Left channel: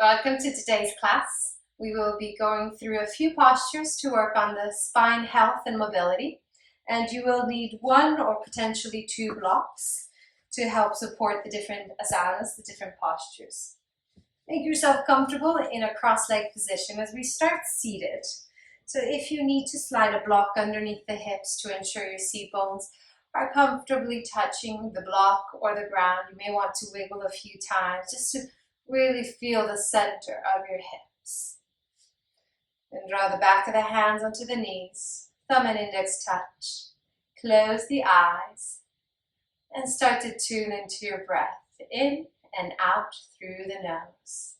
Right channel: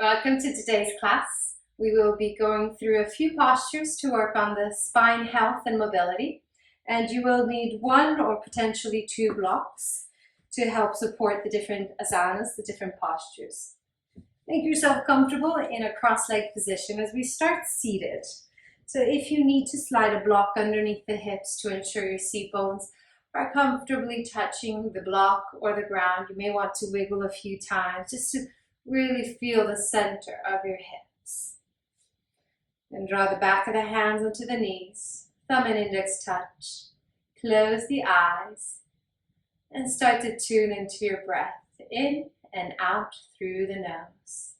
Welcome to today's class. We will be going through a few postures to work on the spine health and mobility, and you will need one or potentially two blocks to help support the different asanas, the different postures. Make yourself comfortable in a cross-legged position as we start seated. So if you need to slide a block underneath the hips to ensure your seat bones are comfortably touching the block or the ground, you may want to wiggle a few times just to really feel the center of your hips. Then draw the back of the hands onto the knees, thumb and index touch. Close the eyes and start to tune into your breath in and out through the nose.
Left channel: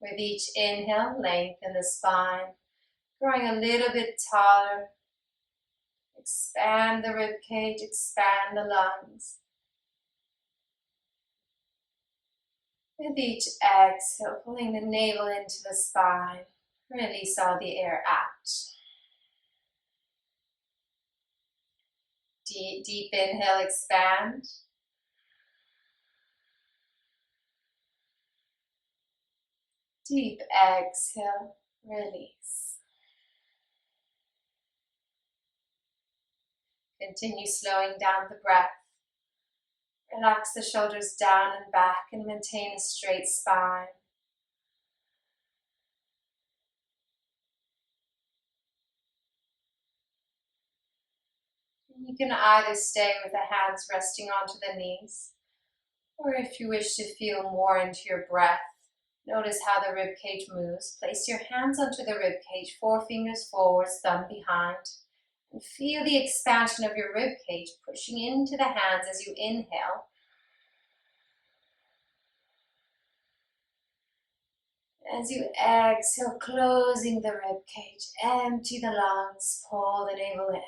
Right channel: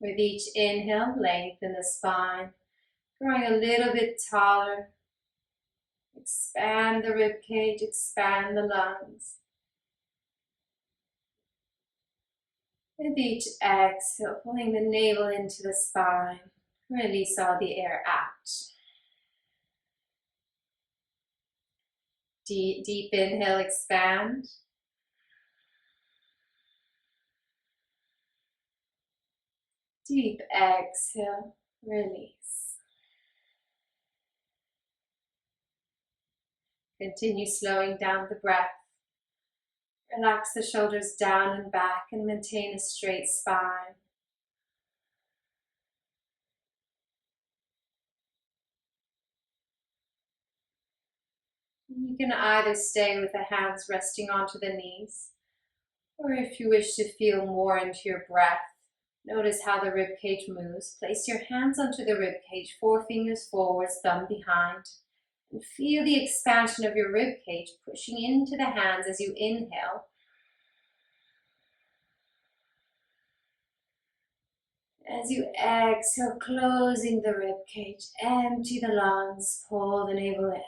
With each inhale, lengthen the spine, growing a little bit taller. Expand the rib cage, expand the lungs. With each exhale, pulling the navel into the spine, release all the air out. Deep inhale, expand. Deep exhale, release. Continue slowing down the breath. Relax the shoulders down and back and maintain a straight spine. You can either stay with the hands resting onto the knees, or if you wish to feel more into your breath, notice how the rib cage moves. Place your hands onto the rib cage, forefingers forwards, thumb behind. And feel the expansion of your rib cage pushing into the hands as you inhale. As you exhale, closing the rib cage, empty the lungs, pull the navel in.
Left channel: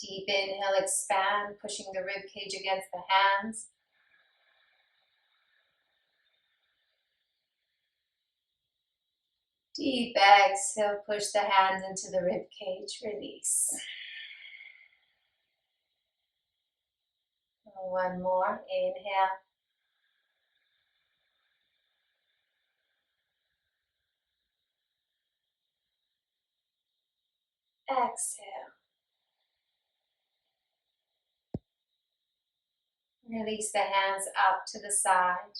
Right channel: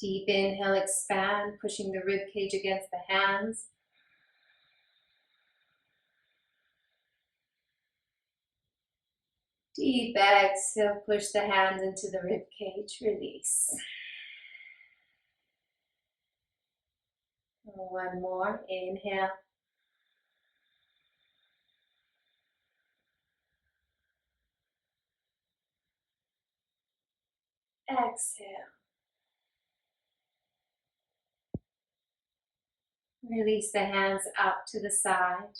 Deep inhale, expand, pushing the rib cage against the hands. Deep exhale, push the hands into the rib cage, release. One more, inhale. Exhale. Release the hands out to the side,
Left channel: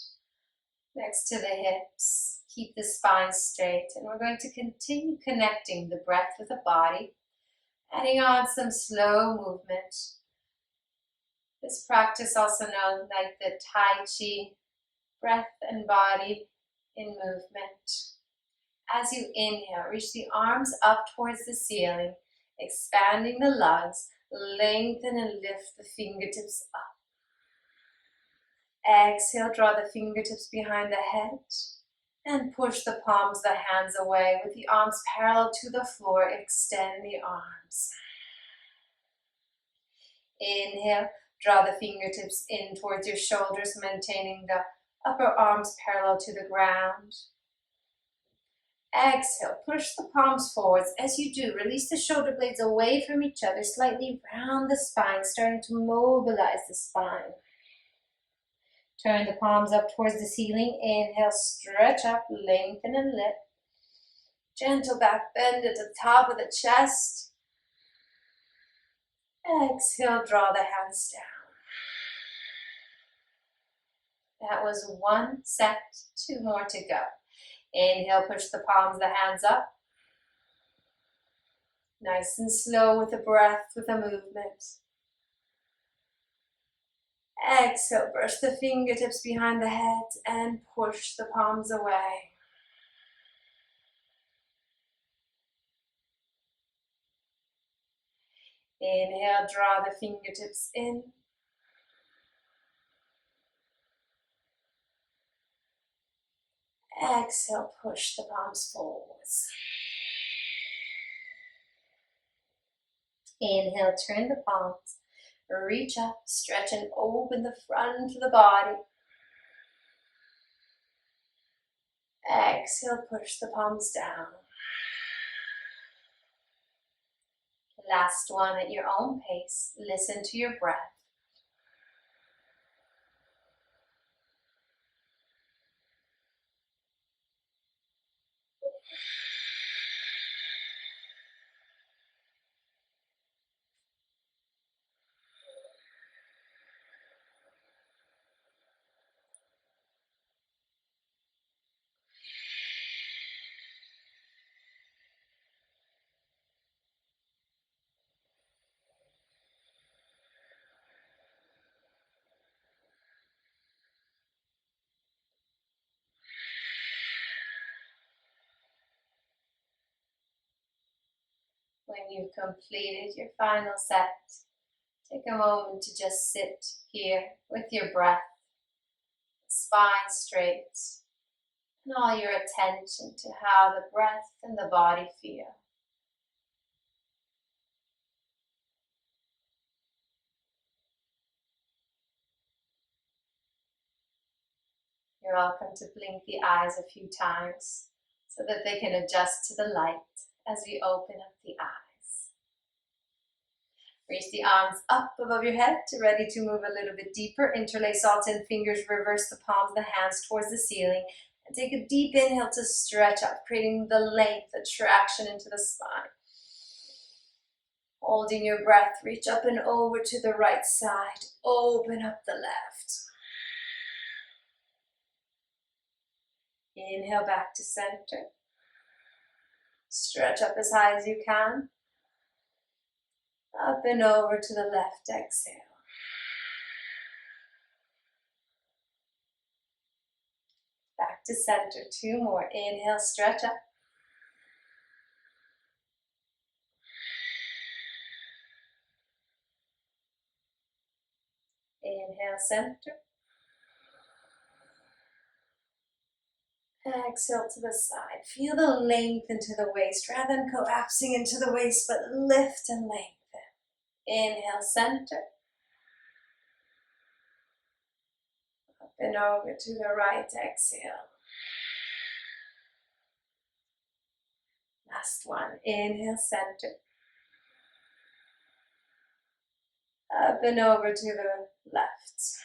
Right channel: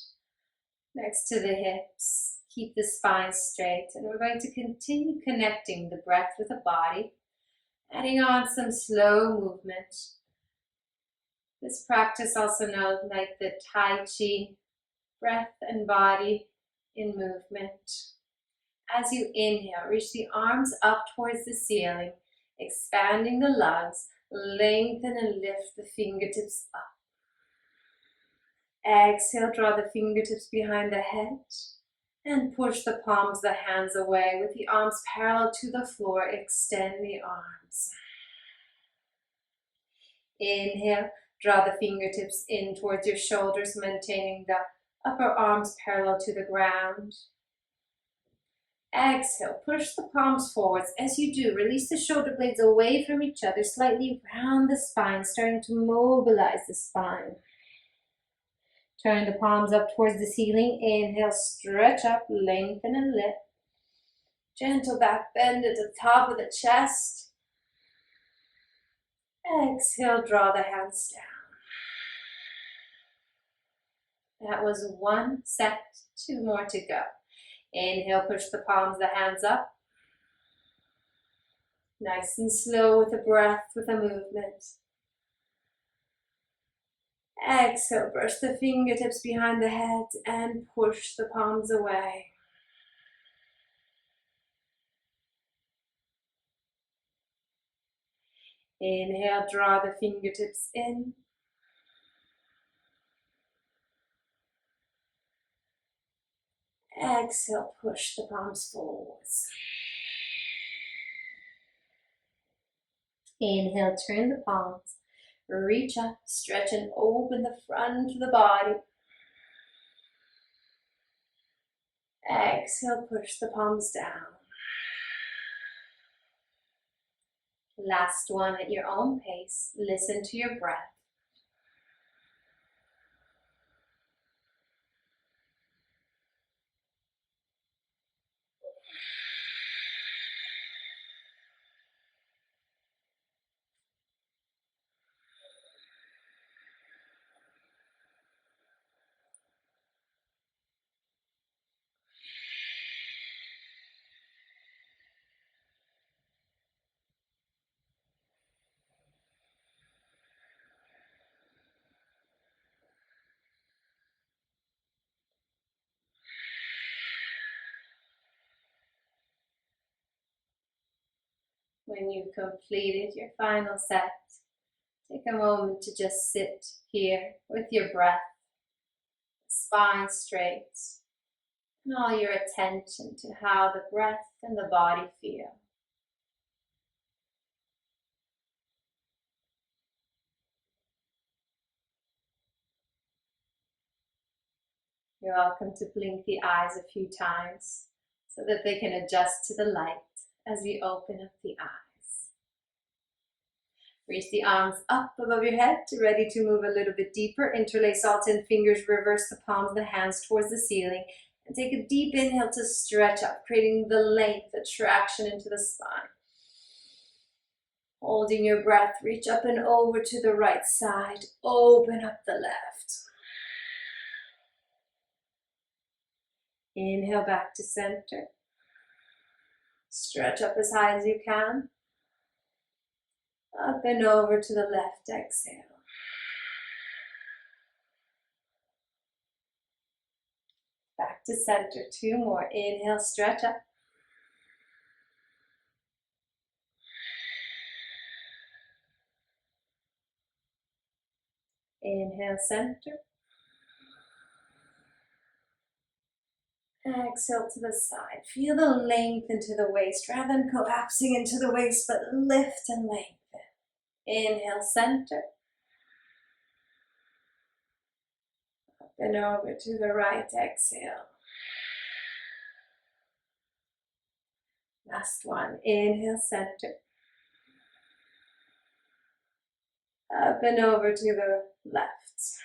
next to the hips. Keep the spine straight, and we're going to continue connecting the breath with the body, adding on some slow movement. This practice, also known like the Tai Chi, breath and body in movement. As you inhale, reach the arms up towards the ceiling, expanding the lungs, lengthen and lift the fingertips up. Exhale, draw the fingertips behind the head and push the palms of the hands away with the arms parallel to the floor. Extend the arms. Inhale, draw the fingertips in towards your shoulders, maintaining the upper arms parallel to the ground. Exhale, push the palms forwards. As you do, release the shoulder blades away from each other, slightly round the spine, starting to mobilize the spine. Turn the palms up towards the ceiling. Inhale, stretch up, lengthen and lift. Gentle back bend at the top of the chest. Exhale, draw the hands down. That was one set, two more to go. Inhale, push the palms of the hands up. Nice and slow with the breath, with the movement. Exhale, brush the fingertips behind the head and push the palms away. Inhale, draw the fingertips in. Exhale, push the palms forwards. Inhale, turn the palms. Reach up, stretch and open the front of the body. Exhale, push the palms down. Last one at your own pace. Listen to your breath. When you've completed your final set, take a moment to just sit here with your breath, spine straight, and all your attention to how the breath and the body feel. You're welcome to blink the eyes a few times so that they can adjust to the light as we open up the eyes. Reach the arms up above your head, ready to move a little bit deeper. Interlace all 10 fingers, reverse the palms of the hands towards the ceiling, and take a deep inhale to stretch up, creating the length, the traction into the spine. Holding your breath, reach up and over to the right side, open up the left. Inhale back to center. Stretch up as high as you can. Up and over to the left, exhale. Back to center, 2 more. Inhale, stretch up. Inhale, center. Exhale to the side. Feel the length into the waist rather than collapsing into the waist, but lift and lengthen. Inhale, center. Up and over to the right, exhale. Last one. Inhale, center. Up and over to the left.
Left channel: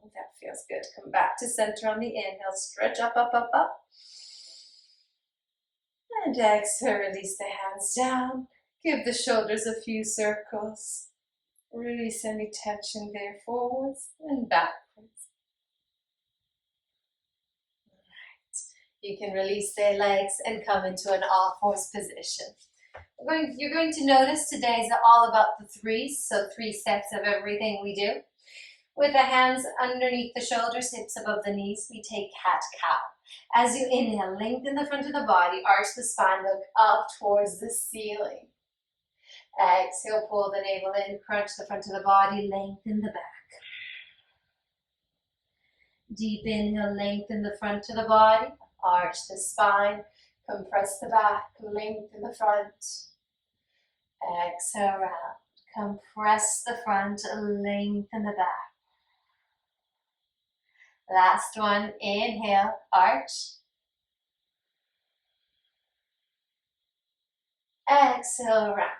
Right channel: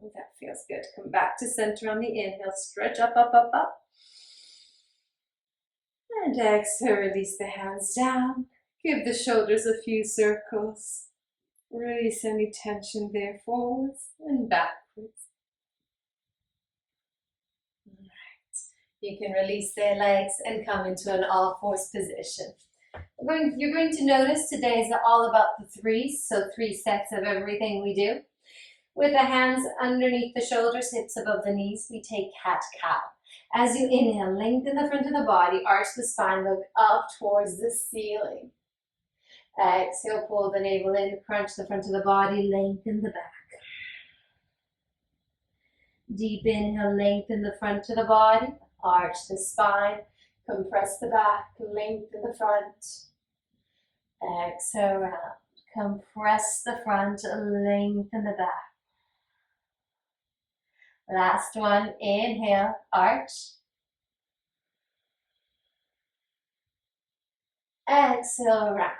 Oh, that feels good. Come back to center on the inhale. Stretch up, up, up, up. And exhale, release the hands down. Give the shoulders a few circles. Release any tension there, forwards and backwards. All right. You can release the legs and come into an all-fours position. You're going to notice today is all about the threes, so 3 sets of everything we do. With the hands underneath the shoulders, hips above the knees, we take cat-cow. As you inhale, lengthen the front of the body, arch the spine, look up towards the ceiling. Exhale, pull the navel in, crunch the front of the body, lengthen the back. Deep inhale, lengthen the front of the body, arch the spine, compress the back, lengthen the front. Exhale, round. Compress the front, lengthen the back. Last one, inhale, arch. Exhale, round.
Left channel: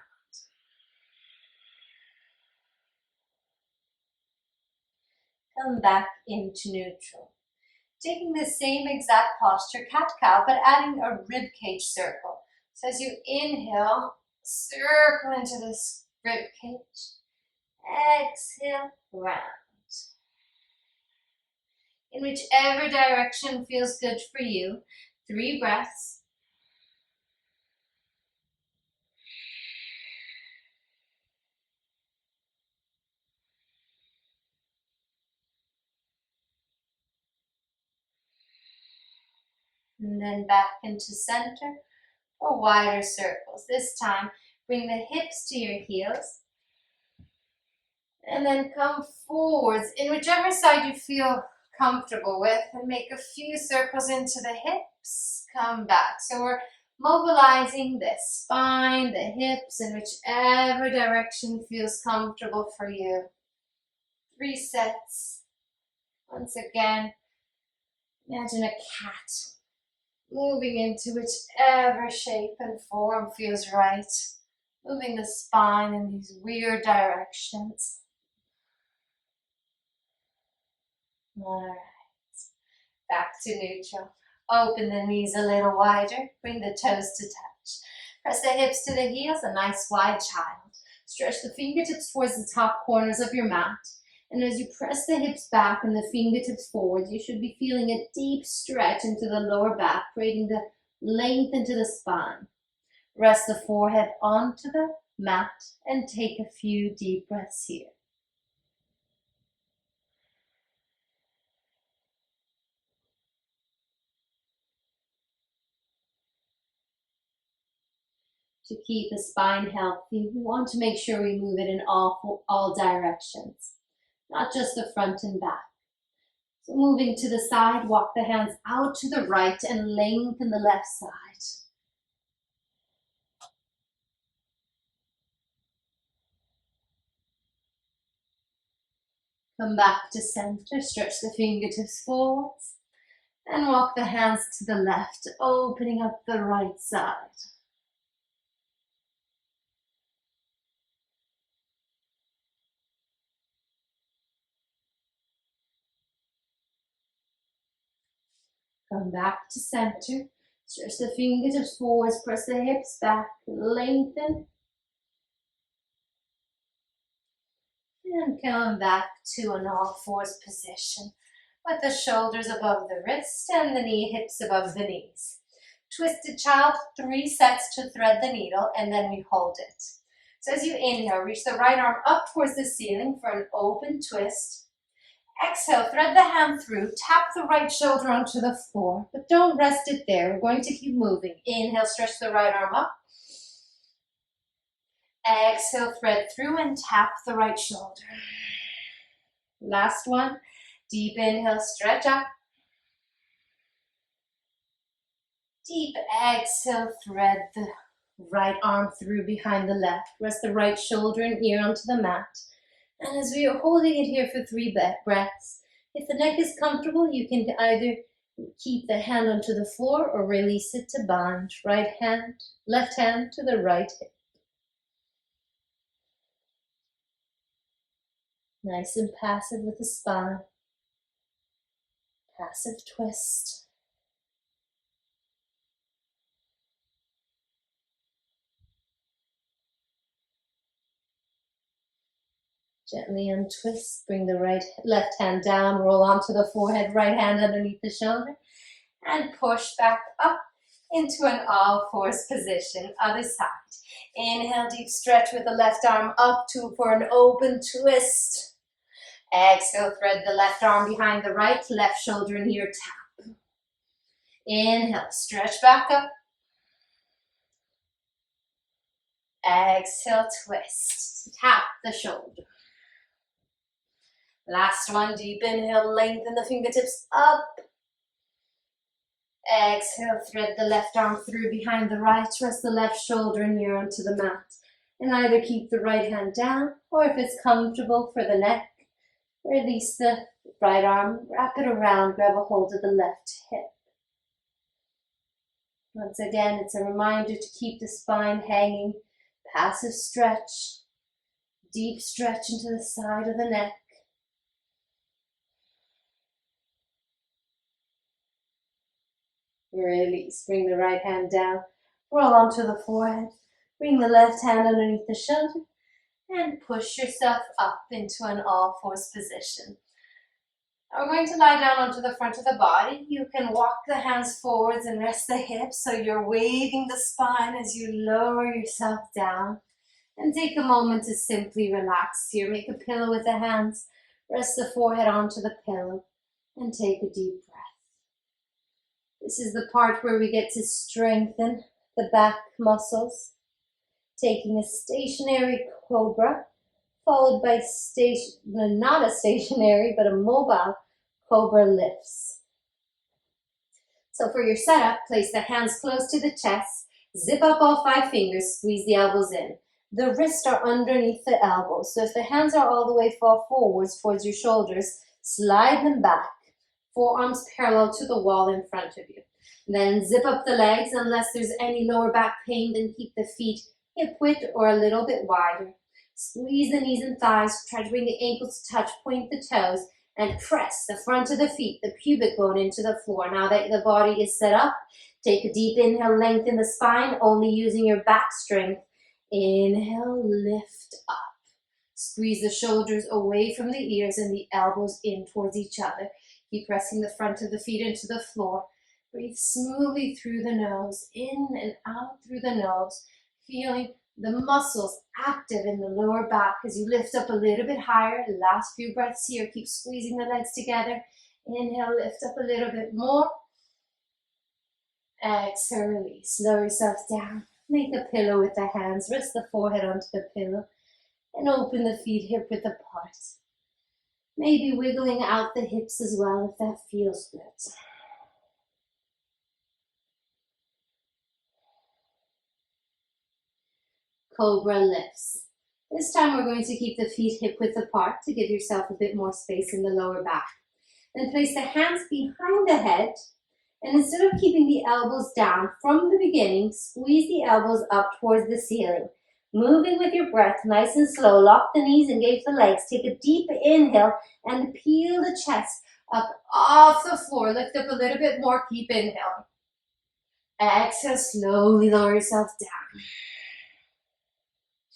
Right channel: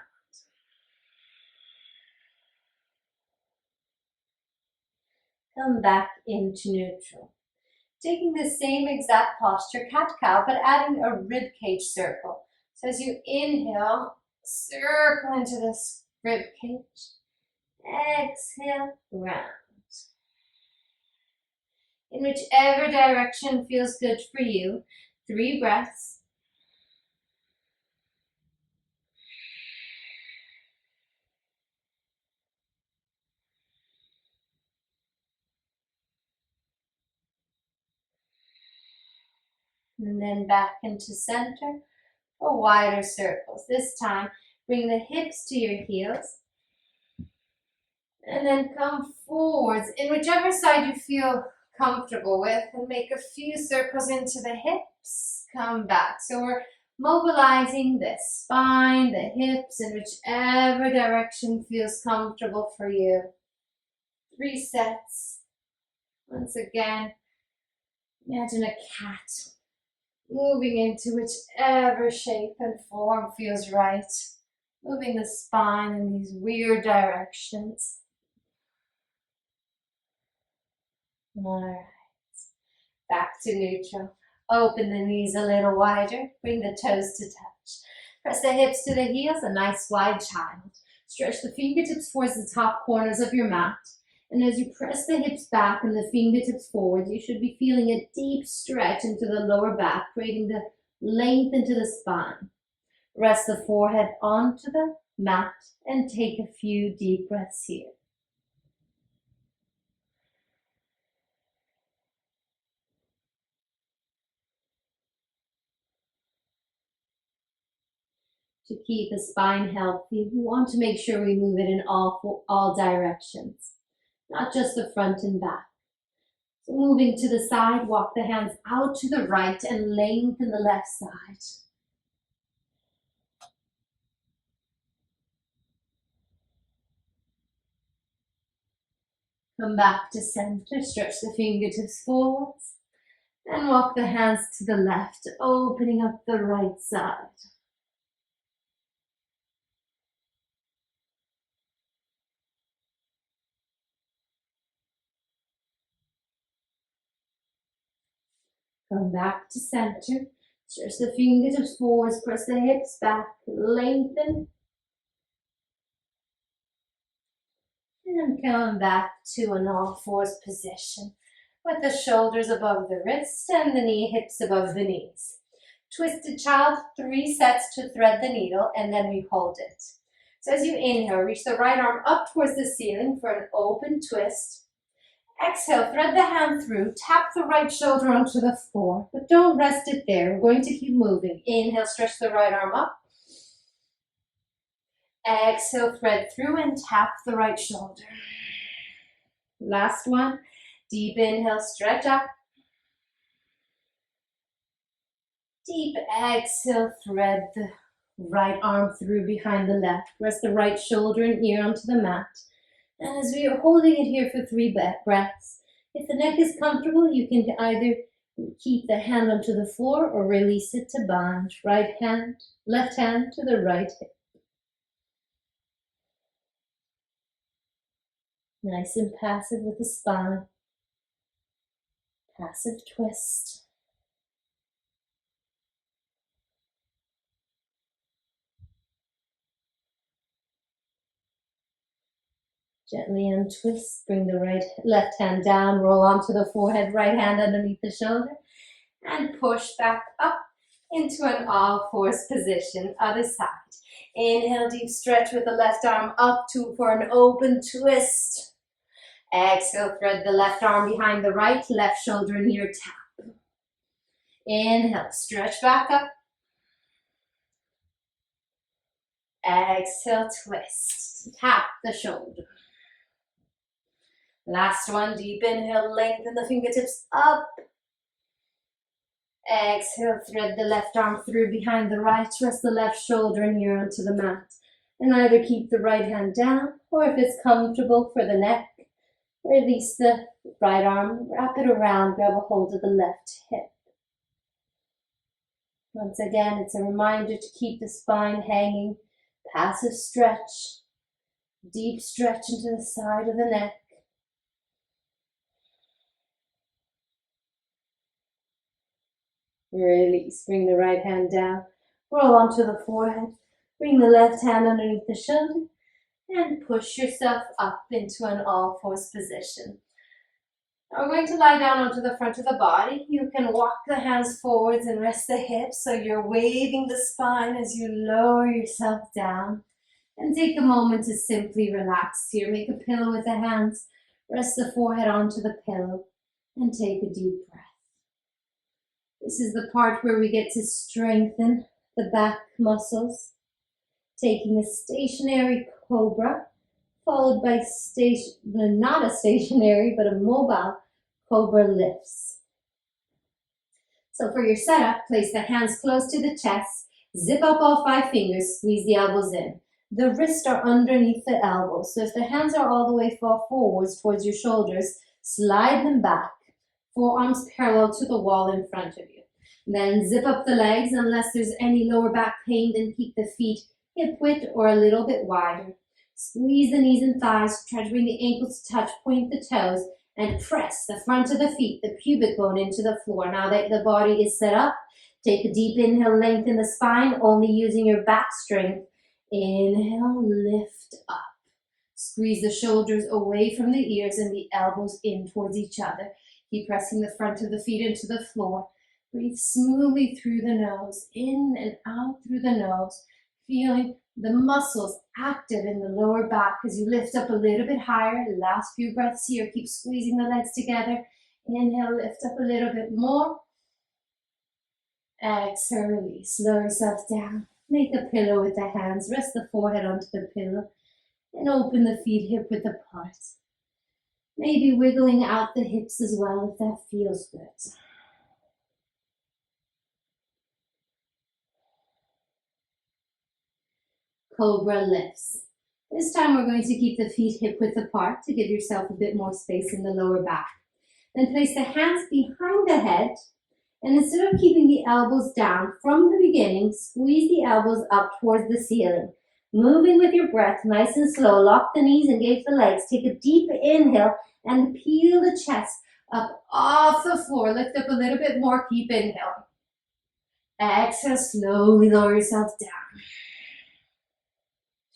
Come back into neutral. Taking the same exact posture, cat-cow, but adding a rib cage circle. So as you inhale, circle into this rib cage. Exhale, round. In whichever direction feels good for you. 3 breaths. And then back into center for wider circles. This time, bring the hips to your heels. And then come forwards in whichever side you feel comfortable with, and make a few circles into the hips. Come back. So we're mobilizing the spine, the hips, in whichever direction feels comfortable for you. 3 sets. Once again, imagine a cat moving into whichever shape and form feels right. Moving the spine in these weird directions. All right. Back to neutral. Open the knees a little wider. Bring the toes to touch. Press the hips to the heels, a nice wide child. Stretch the fingertips towards the top corners of your mat. And as you press the hips back and the fingertips forward, you should be feeling a deep stretch into the lower back, creating the length into the spine. Rest the forehead onto the mat and take a few deep breaths here. To keep the spine healthy, we want to make sure we move it in all directions, not just the front and back. So moving to the side, walk the hands out to the right and lengthen the left side. Come back to center, stretch the fingertips forwards, and walk the hands to the left, opening up the right side. Come back to center. Stretch the fingertips forwards, press the hips back, lengthen. And come back to an all fours position with the shoulders above the wrist and the knee hips above the knees. Twisted child, 3 sets to thread the needle, and then we hold it. So as you inhale, reach the right arm up towards the ceiling for an open twist. Exhale, thread the hand through, tap the right shoulder onto the floor, but don't rest it there. We're going to keep moving. Inhale, stretch the right arm up. Exhale, thread through and tap the right shoulder. Last one. Deep inhale, stretch up. Deep exhale, thread the right arm through behind the left. Rest the right shoulder and ear onto the mat. And as we are holding it here for 3 breaths, if the neck is comfortable, you can either keep the hand onto the floor or release it to bind. Left hand to the right hip. Nice and passive with the spine. Passive twist. Gently untwist, bring the left hand down, roll onto the forehead, right hand underneath the shoulder, and push back up into an all fours position, other side. Inhale, deep stretch with the left arm up for an open twist. Exhale, thread the left arm behind the right, left shoulder near tap. Inhale, stretch back up. Exhale, twist, tap the shoulder. Last one, deep inhale, lengthen the fingertips up. Exhale, thread the left arm through behind the right, rest the left shoulder near onto the mat. And either keep the right hand down, or if it's comfortable for the neck, release the right arm, wrap it around, grab a hold of the left hip. Once again, it's a reminder to keep the spine hanging, passive stretch, deep stretch into the side of the neck. Release, bring the right hand down, roll onto the forehead, bring the left hand underneath the shoulder, and push yourself up into an all fours position. Now we're going to lie down onto the front of the body. You can walk the hands forwards and rest the hips so you're waving the spine as you lower yourself down. And take a moment to simply relax here. Make a pillow with the hands, rest the forehead onto the pillow, and take a deep breath. This is the part where we get to strengthen the back muscles. Taking a stationary cobra, followed by not a stationary, but a mobile cobra lifts. So for your setup, place the hands close to the chest, zip up all 5 fingers, squeeze the elbows in. The wrists are underneath the elbows, so if the hands are all the way far forwards towards your shoulders, slide them back. Forearms parallel to the wall in front of you. Then zip up the legs. Unless there's any lower back pain, then keep the feet hip width or a little bit wider. Squeeze the knees and thighs. Try to bring the ankles to touch. Point the toes and press the front of the feet, the pubic bone, into the floor. Now that the body is set up, take a deep inhale, lengthen the spine, only using your back strength. Inhale, lift up. Squeeze the shoulders away from the ears and the elbows in towards each other. Keep pressing the front of the feet into the floor. Breathe smoothly through the nose, in and out through the nose, feeling the muscles active in the lower back as you lift up a little bit higher. Last few breaths here. Keep squeezing the legs together. Inhale, lift up a little bit more. Exhale, release. Lower yourself down. Make a pillow with the hands. Rest the forehead onto the pillow and open the feet hip width apart. Maybe wiggling out the hips as well if that feels good. Cobra lifts. This time we're going to keep the feet hip width apart to give yourself a bit more space in the lower back. Then place the hands behind the head, and instead of keeping the elbows down from the beginning, squeeze the elbows up towards the ceiling. Moving with your breath, nice and slow. Lock the knees, engage the legs. Take a deep inhale and peel the chest up off the floor. Lift up a little bit more. Keep inhaling. Exhale, slowly lower yourself down.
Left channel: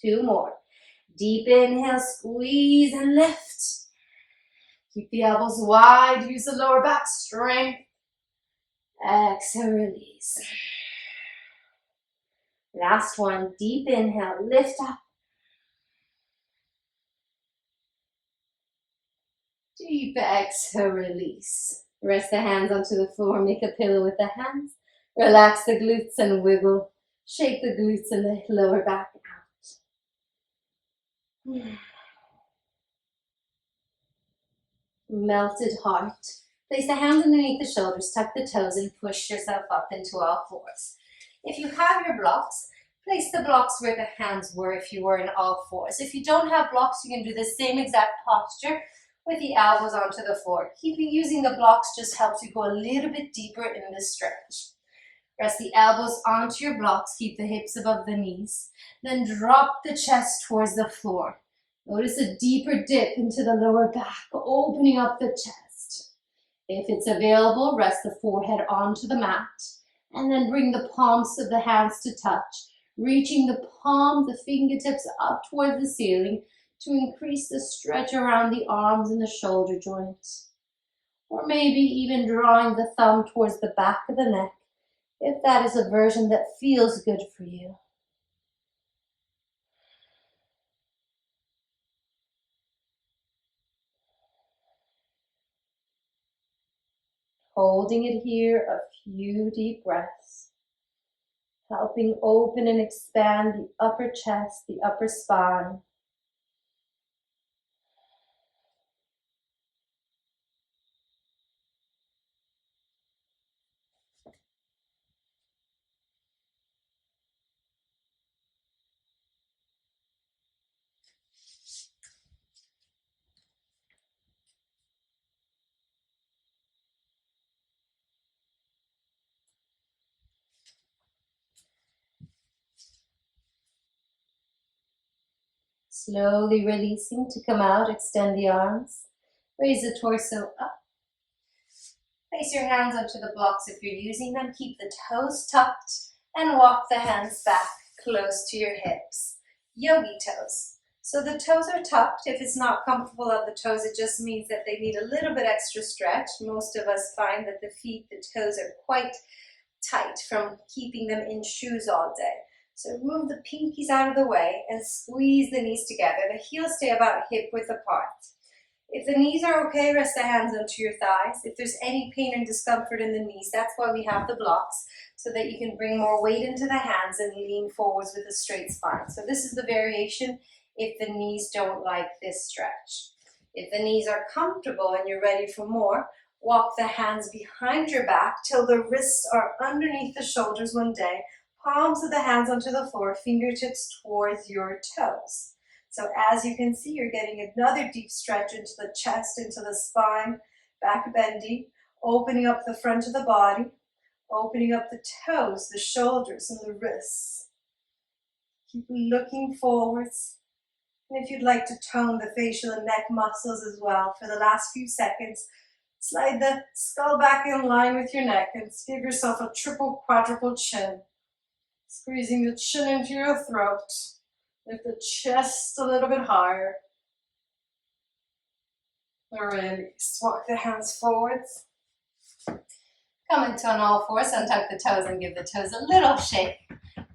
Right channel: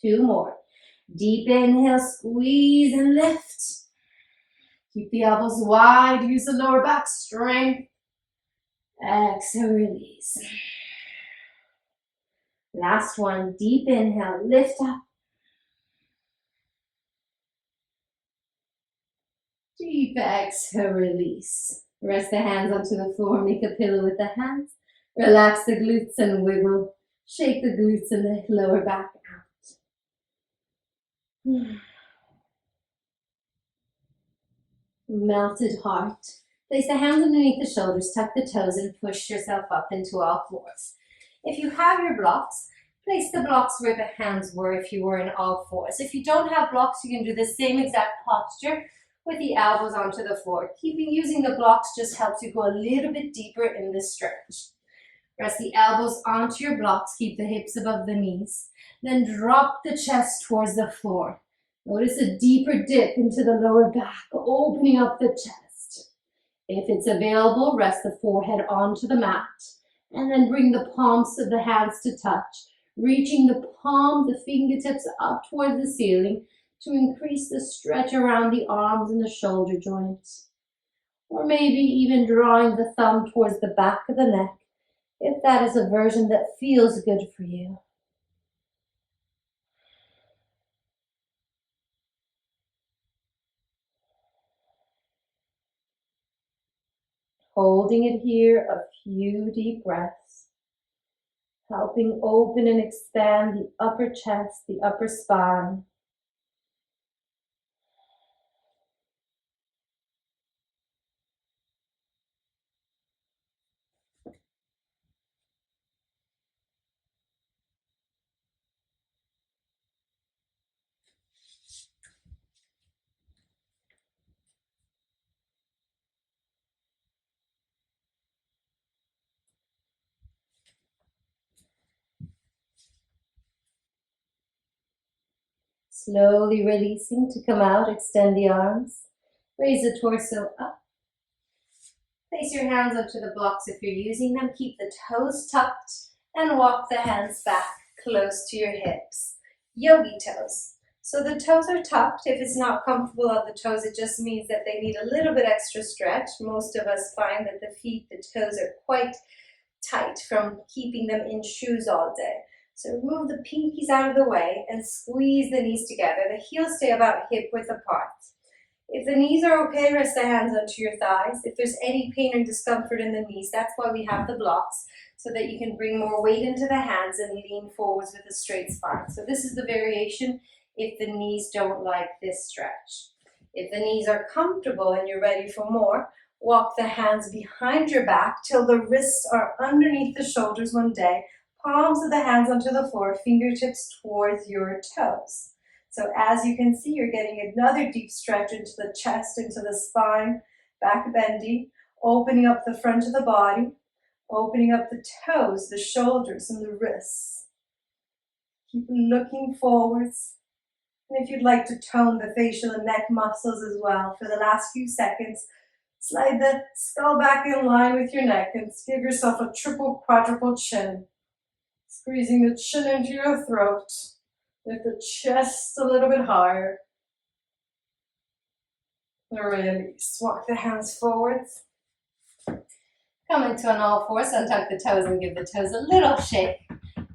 2 more. Deep inhale, squeeze and lift. Keep the elbows wide. Use the lower back strength. Exhale, release. Last one. Deep inhale, lift up. Deep exhale, release. Rest the hands onto the floor. Make a pillow with the hands. Relax the glutes and wiggle. Shake the glutes and the lower back out. Melted heart. Place the hands underneath the shoulders, tuck the toes, and push yourself up into all fours. If you have your blocks, place the blocks where the hands were if you were in all fours. If you don't have blocks, you can do the same exact posture with the elbows onto the floor. Using the blocks just helps you go a little bit deeper in this stretch. Press the elbows onto your blocks, keep the hips above the knees. Then drop the chest towards the floor. Notice a deeper dip into the lower back, opening up the chest. If it's available, rest the forehead onto the mat, and then bring the palms of the hands to touch, reaching the palm, the fingertips up towards the ceiling to increase the stretch around the arms and the shoulder joints. Or maybe even drawing the thumb towards the back of the neck, if that is a version that feels good for you. Holding it here, a few deep breaths, helping open and expand the upper chest, the upper spine. Slowly releasing to come out, extend the arms, raise the torso up. Place your hands onto the blocks if you're using them. Keep the toes tucked and walk the hands back close to your hips. Yogi toes. So the toes are tucked. If it's not comfortable on the toes, it just means that they need a little bit extra stretch. Most of us find that the toes are quite tight from keeping them in shoes all day. So move the pinkies out of the way and squeeze the knees together. The heels stay about hip width apart. If the knees are okay, rest the hands onto your thighs. If there's any pain and discomfort in the knees, that's why we have the blocks, so that you can bring more weight into the hands and lean forwards with a straight spine. So this is the variation if the knees don't like this stretch. If the knees are comfortable and you're ready for more, walk the hands behind your back till the wrists are underneath the shoulders one day, palms of the hands onto the floor, fingertips towards your toes. So as you can see, you're getting another deep stretch into the chest, into the spine, back bending, opening up the front of the body, Opening up the toes, the shoulders, and the wrists. Keep looking forwards. And if you'd like to tone the facial and neck muscles as well for the last few seconds, slide the skull back in line with your neck and give yourself a triple, quadruple chin. Squeezing the chin into your throat. Lift the chest a little bit higher. Release. Walk the hands forwards. Come into an all fours, untuck the toes and give the toes a little shake.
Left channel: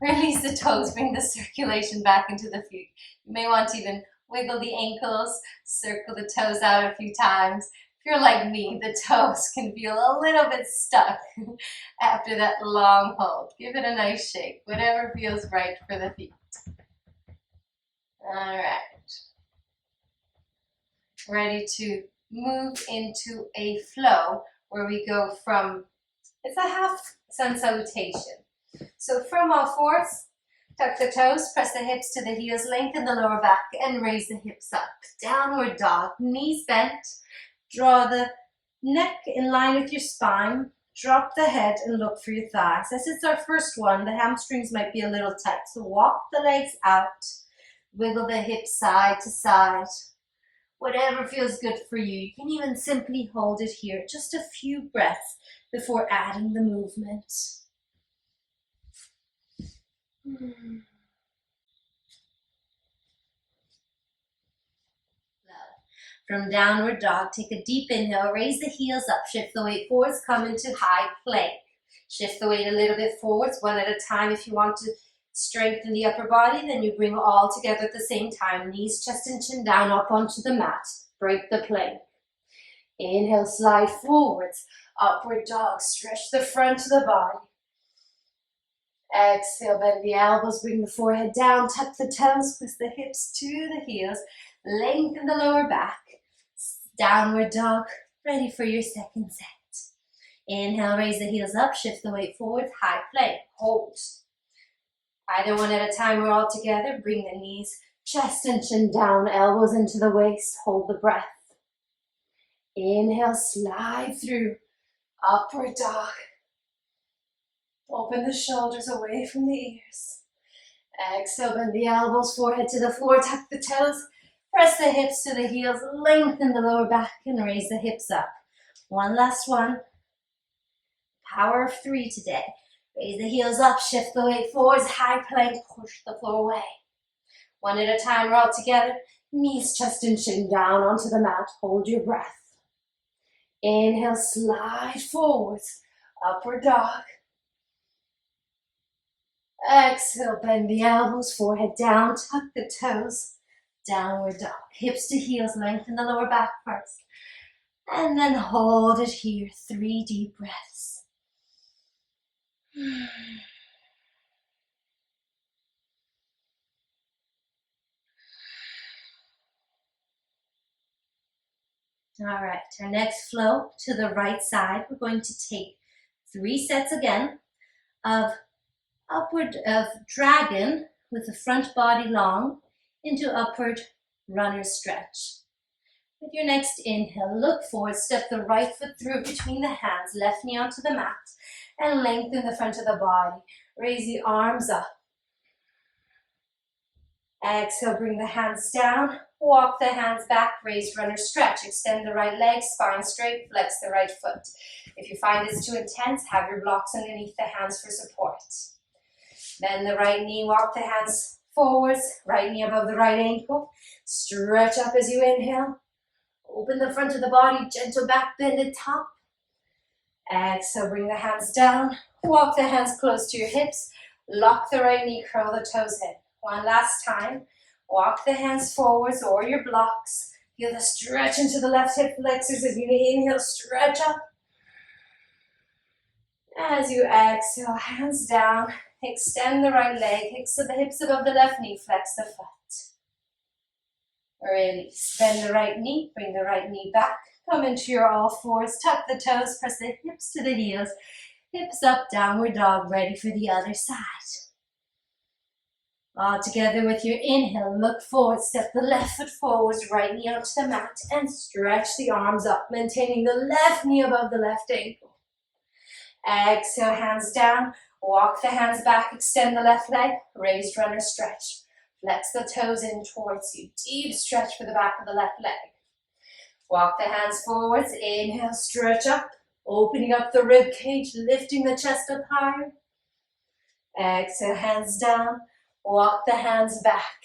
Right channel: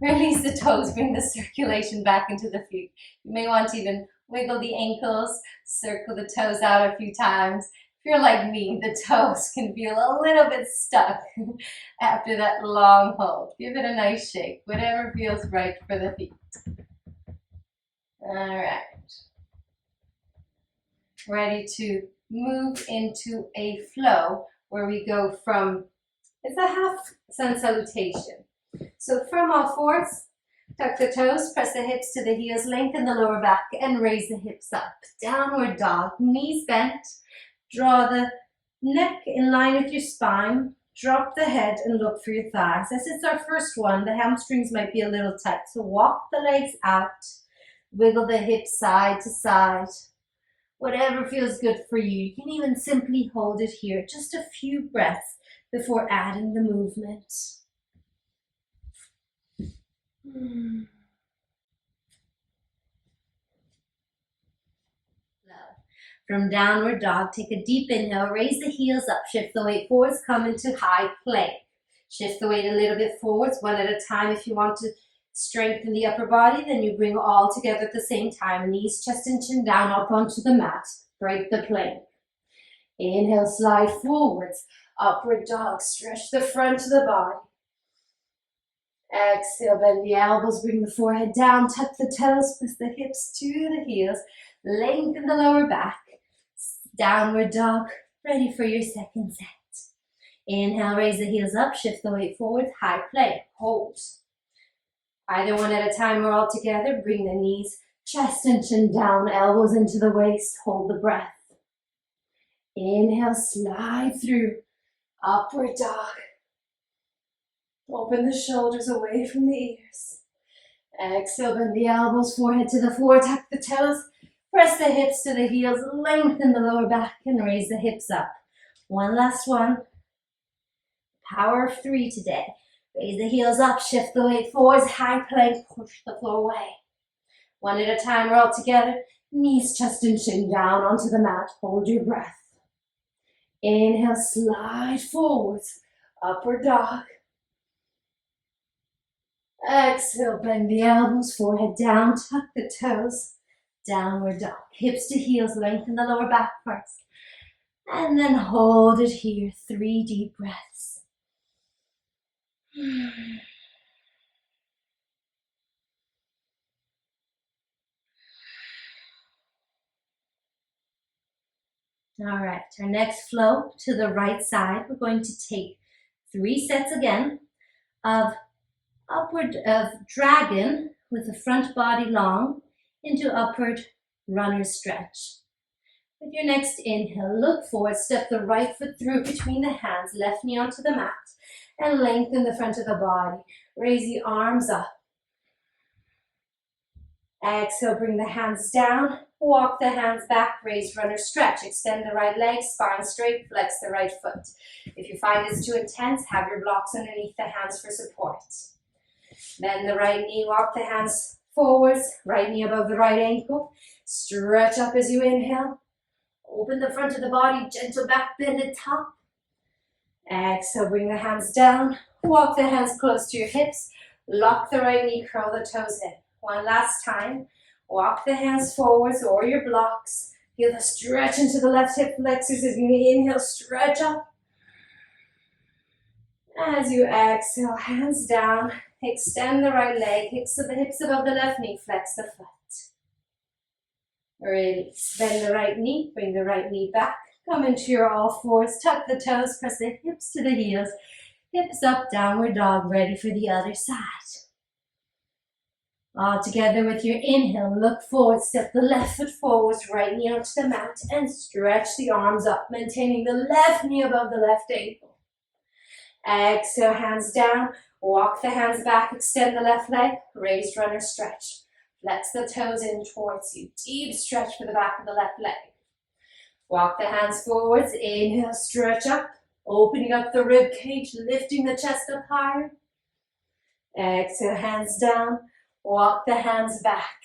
Release the toes, bring the circulation back into the feet. You may want to even wiggle the ankles, circle the toes out a few times. If you're like me, the toes can feel a little bit stuck after that long hold. Give it a nice shake, whatever feels right for the feet. All right. Ready to move into a flow where we go from, it's a half sun salutation. So from all fours, tuck the toes, press the hips to the heels, lengthen the lower back and raise the hips up. Downward dog, knees bent, draw the neck in line with your spine, drop the head and look for your thighs. As it's our first one, the hamstrings might be a little tight, so walk the legs out, wiggle the hips side to side. Whatever feels good for you. You can even simply hold it here, just a few breaths before adding the movement. From downward dog, take a deep inhale, raise the heels up, shift the weight forwards, come into high plank. Shift the weight a little bit forwards, one at a time. If you want to strengthen the upper body, then you bring all together at the same time. Knees, chest, and chin down, up onto the mat. Break the plank. Inhale, slide forwards. Upward dog, stretch the front of the body. Exhale, bend the elbows, bring the forehead down, tuck the toes, press the hips to the heels, lengthen the lower back. Downward dog, ready for your second set. Inhale, raise the heels up, shift the weight forward, high plank, hold. Either one at a time or all together, bring the knees, chest and chin down, elbows into the waist, hold the breath. Inhale, slide through, upward dog. Open the shoulders away from the ears. Exhale, bend the elbows, forehead to the floor, tuck the toes, press the hips to the heels, lengthen the lower back and raise the hips up. One last one. Power of 3 today. Raise the heels up, shift the weight forwards, high plank, push the floor away. One at a time or all together. Knees, chest and chin down onto the mat. Hold your breath. Inhale, slide forwards, upward dog. Exhale, bend the elbows, forehead down, tuck the toes, downward dog. Hips to heels, lengthen the lower back first. And then hold it here, 3 deep breaths. All right, our next flow to the right side, we're going to take 3 sets again of dragon with the front body long into upward runner stretch. With your next inhale, look forward, step the right foot through between the hands, left knee onto the mat, and lengthen the front of the body. Raise the arms up. Exhale, bring the hands down, walk the hands back, raise runner stretch. Extend the right leg, spine straight, flex the right foot. If you find this too intense, have your blocks underneath the hands for support. Bend the right knee, walk the hands forwards, right knee above the right ankle. Stretch up as you inhale. Open the front of the body, gentle back bend at top. Exhale, bring the hands down, walk the hands close to your hips, lock the right knee, curl the toes in. One last time, walk the hands forwards or your blocks. Feel the stretch into the left hip flexors as you inhale, stretch up. As you exhale, hands down, extend the right leg, hips above the left knee, flex the foot. Release, bend the right knee, bring the right knee back, come into your all fours, tuck the toes, press the hips to the heels, hips up, downward dog, ready for the other side. All together with your inhale, look forward, step the left foot forwards, right knee onto the mat, and stretch the arms up, maintaining the left knee above the left ankle. Exhale, hands down. Walk the hands back, extend the left leg, raised runner stretch. Flex the toes in towards you. Deep stretch for the back of the left leg. Walk the hands forwards, inhale, stretch up, opening up the rib cage, lifting the chest up higher. Exhale, hands down, walk the hands back.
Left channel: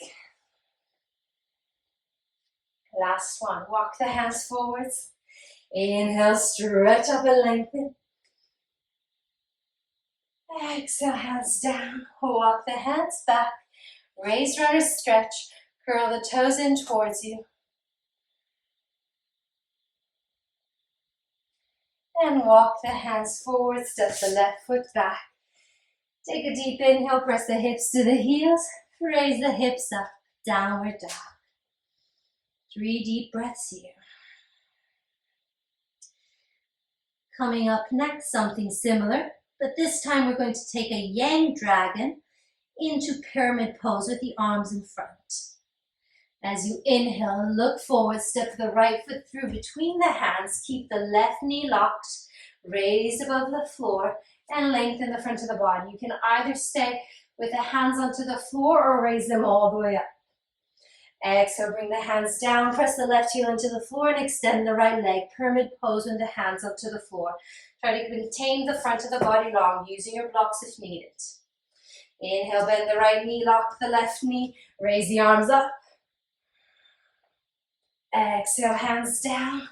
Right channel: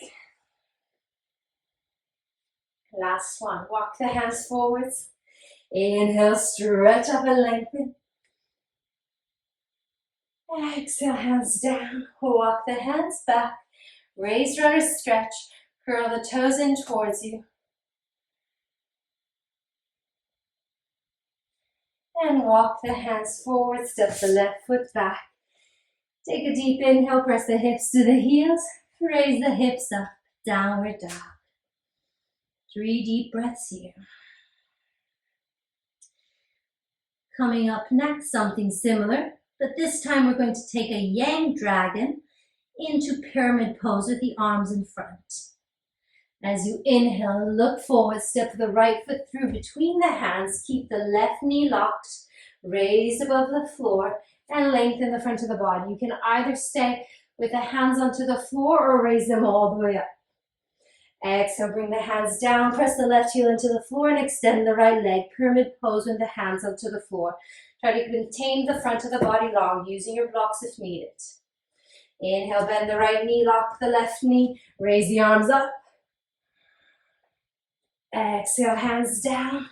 Last one, walk the hands forwards. Inhale, stretch up and lengthen. Exhale, hands down, walk the hands back. Raised runner stretch, curl the toes in towards you. And walk the hands forward, step the left foot back. Take a deep inhale, press the hips to the heels, raise the hips up, downward dog. 3 deep breaths here. Coming up next, something similar, but this time we're going to take a yang dragon into pyramid pose with the arms in front. As you inhale, look forward, step the right foot through between the hands, keep the left knee locked, raised above the floor, and lengthen the front of the body. You can either stay with the hands onto the floor or raise them all the way up. Exhale, bring the hands down, press the left heel into the floor and extend the right leg. Pyramid pose with the hands onto the floor. Try to maintain the front of the body long, using your blocks if needed. Inhale, bend the right knee, lock the left knee, raise the arms up. Exhale, hands down.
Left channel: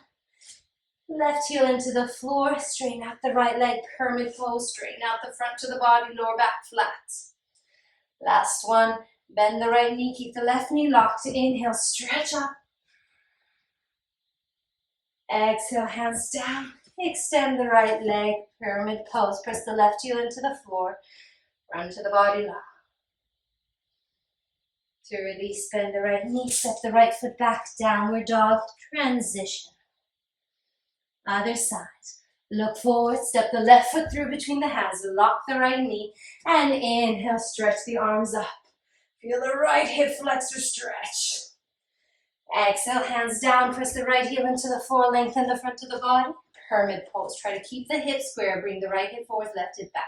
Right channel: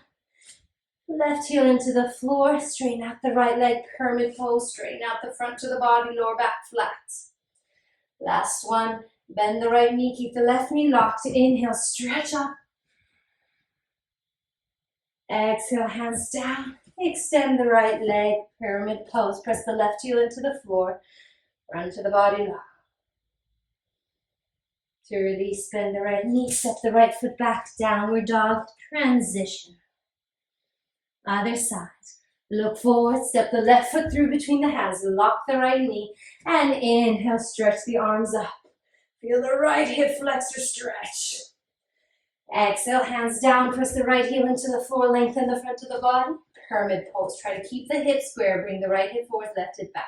Left heel into the floor, straighten out the right leg, pyramid pose, straighten out the front of the body, lower back flat. Last one, bend the right knee, keep the left knee locked. Inhale, stretch up. Exhale, hands down. Extend the right leg, pyramid pose. Press the left heel into the floor, front of the body lock. To release, bend the right knee, step the right foot back, downward dog, transition. Other side. Look forward, step the left foot through between the hands, lock the right knee, and inhale, stretch the arms up. Feel the right hip flexor stretch. Exhale, hands down, press the right heel into the floor, lengthen the front of the body. Pyramid pose, try to keep the hips square, bring the right hip forward, left hip back.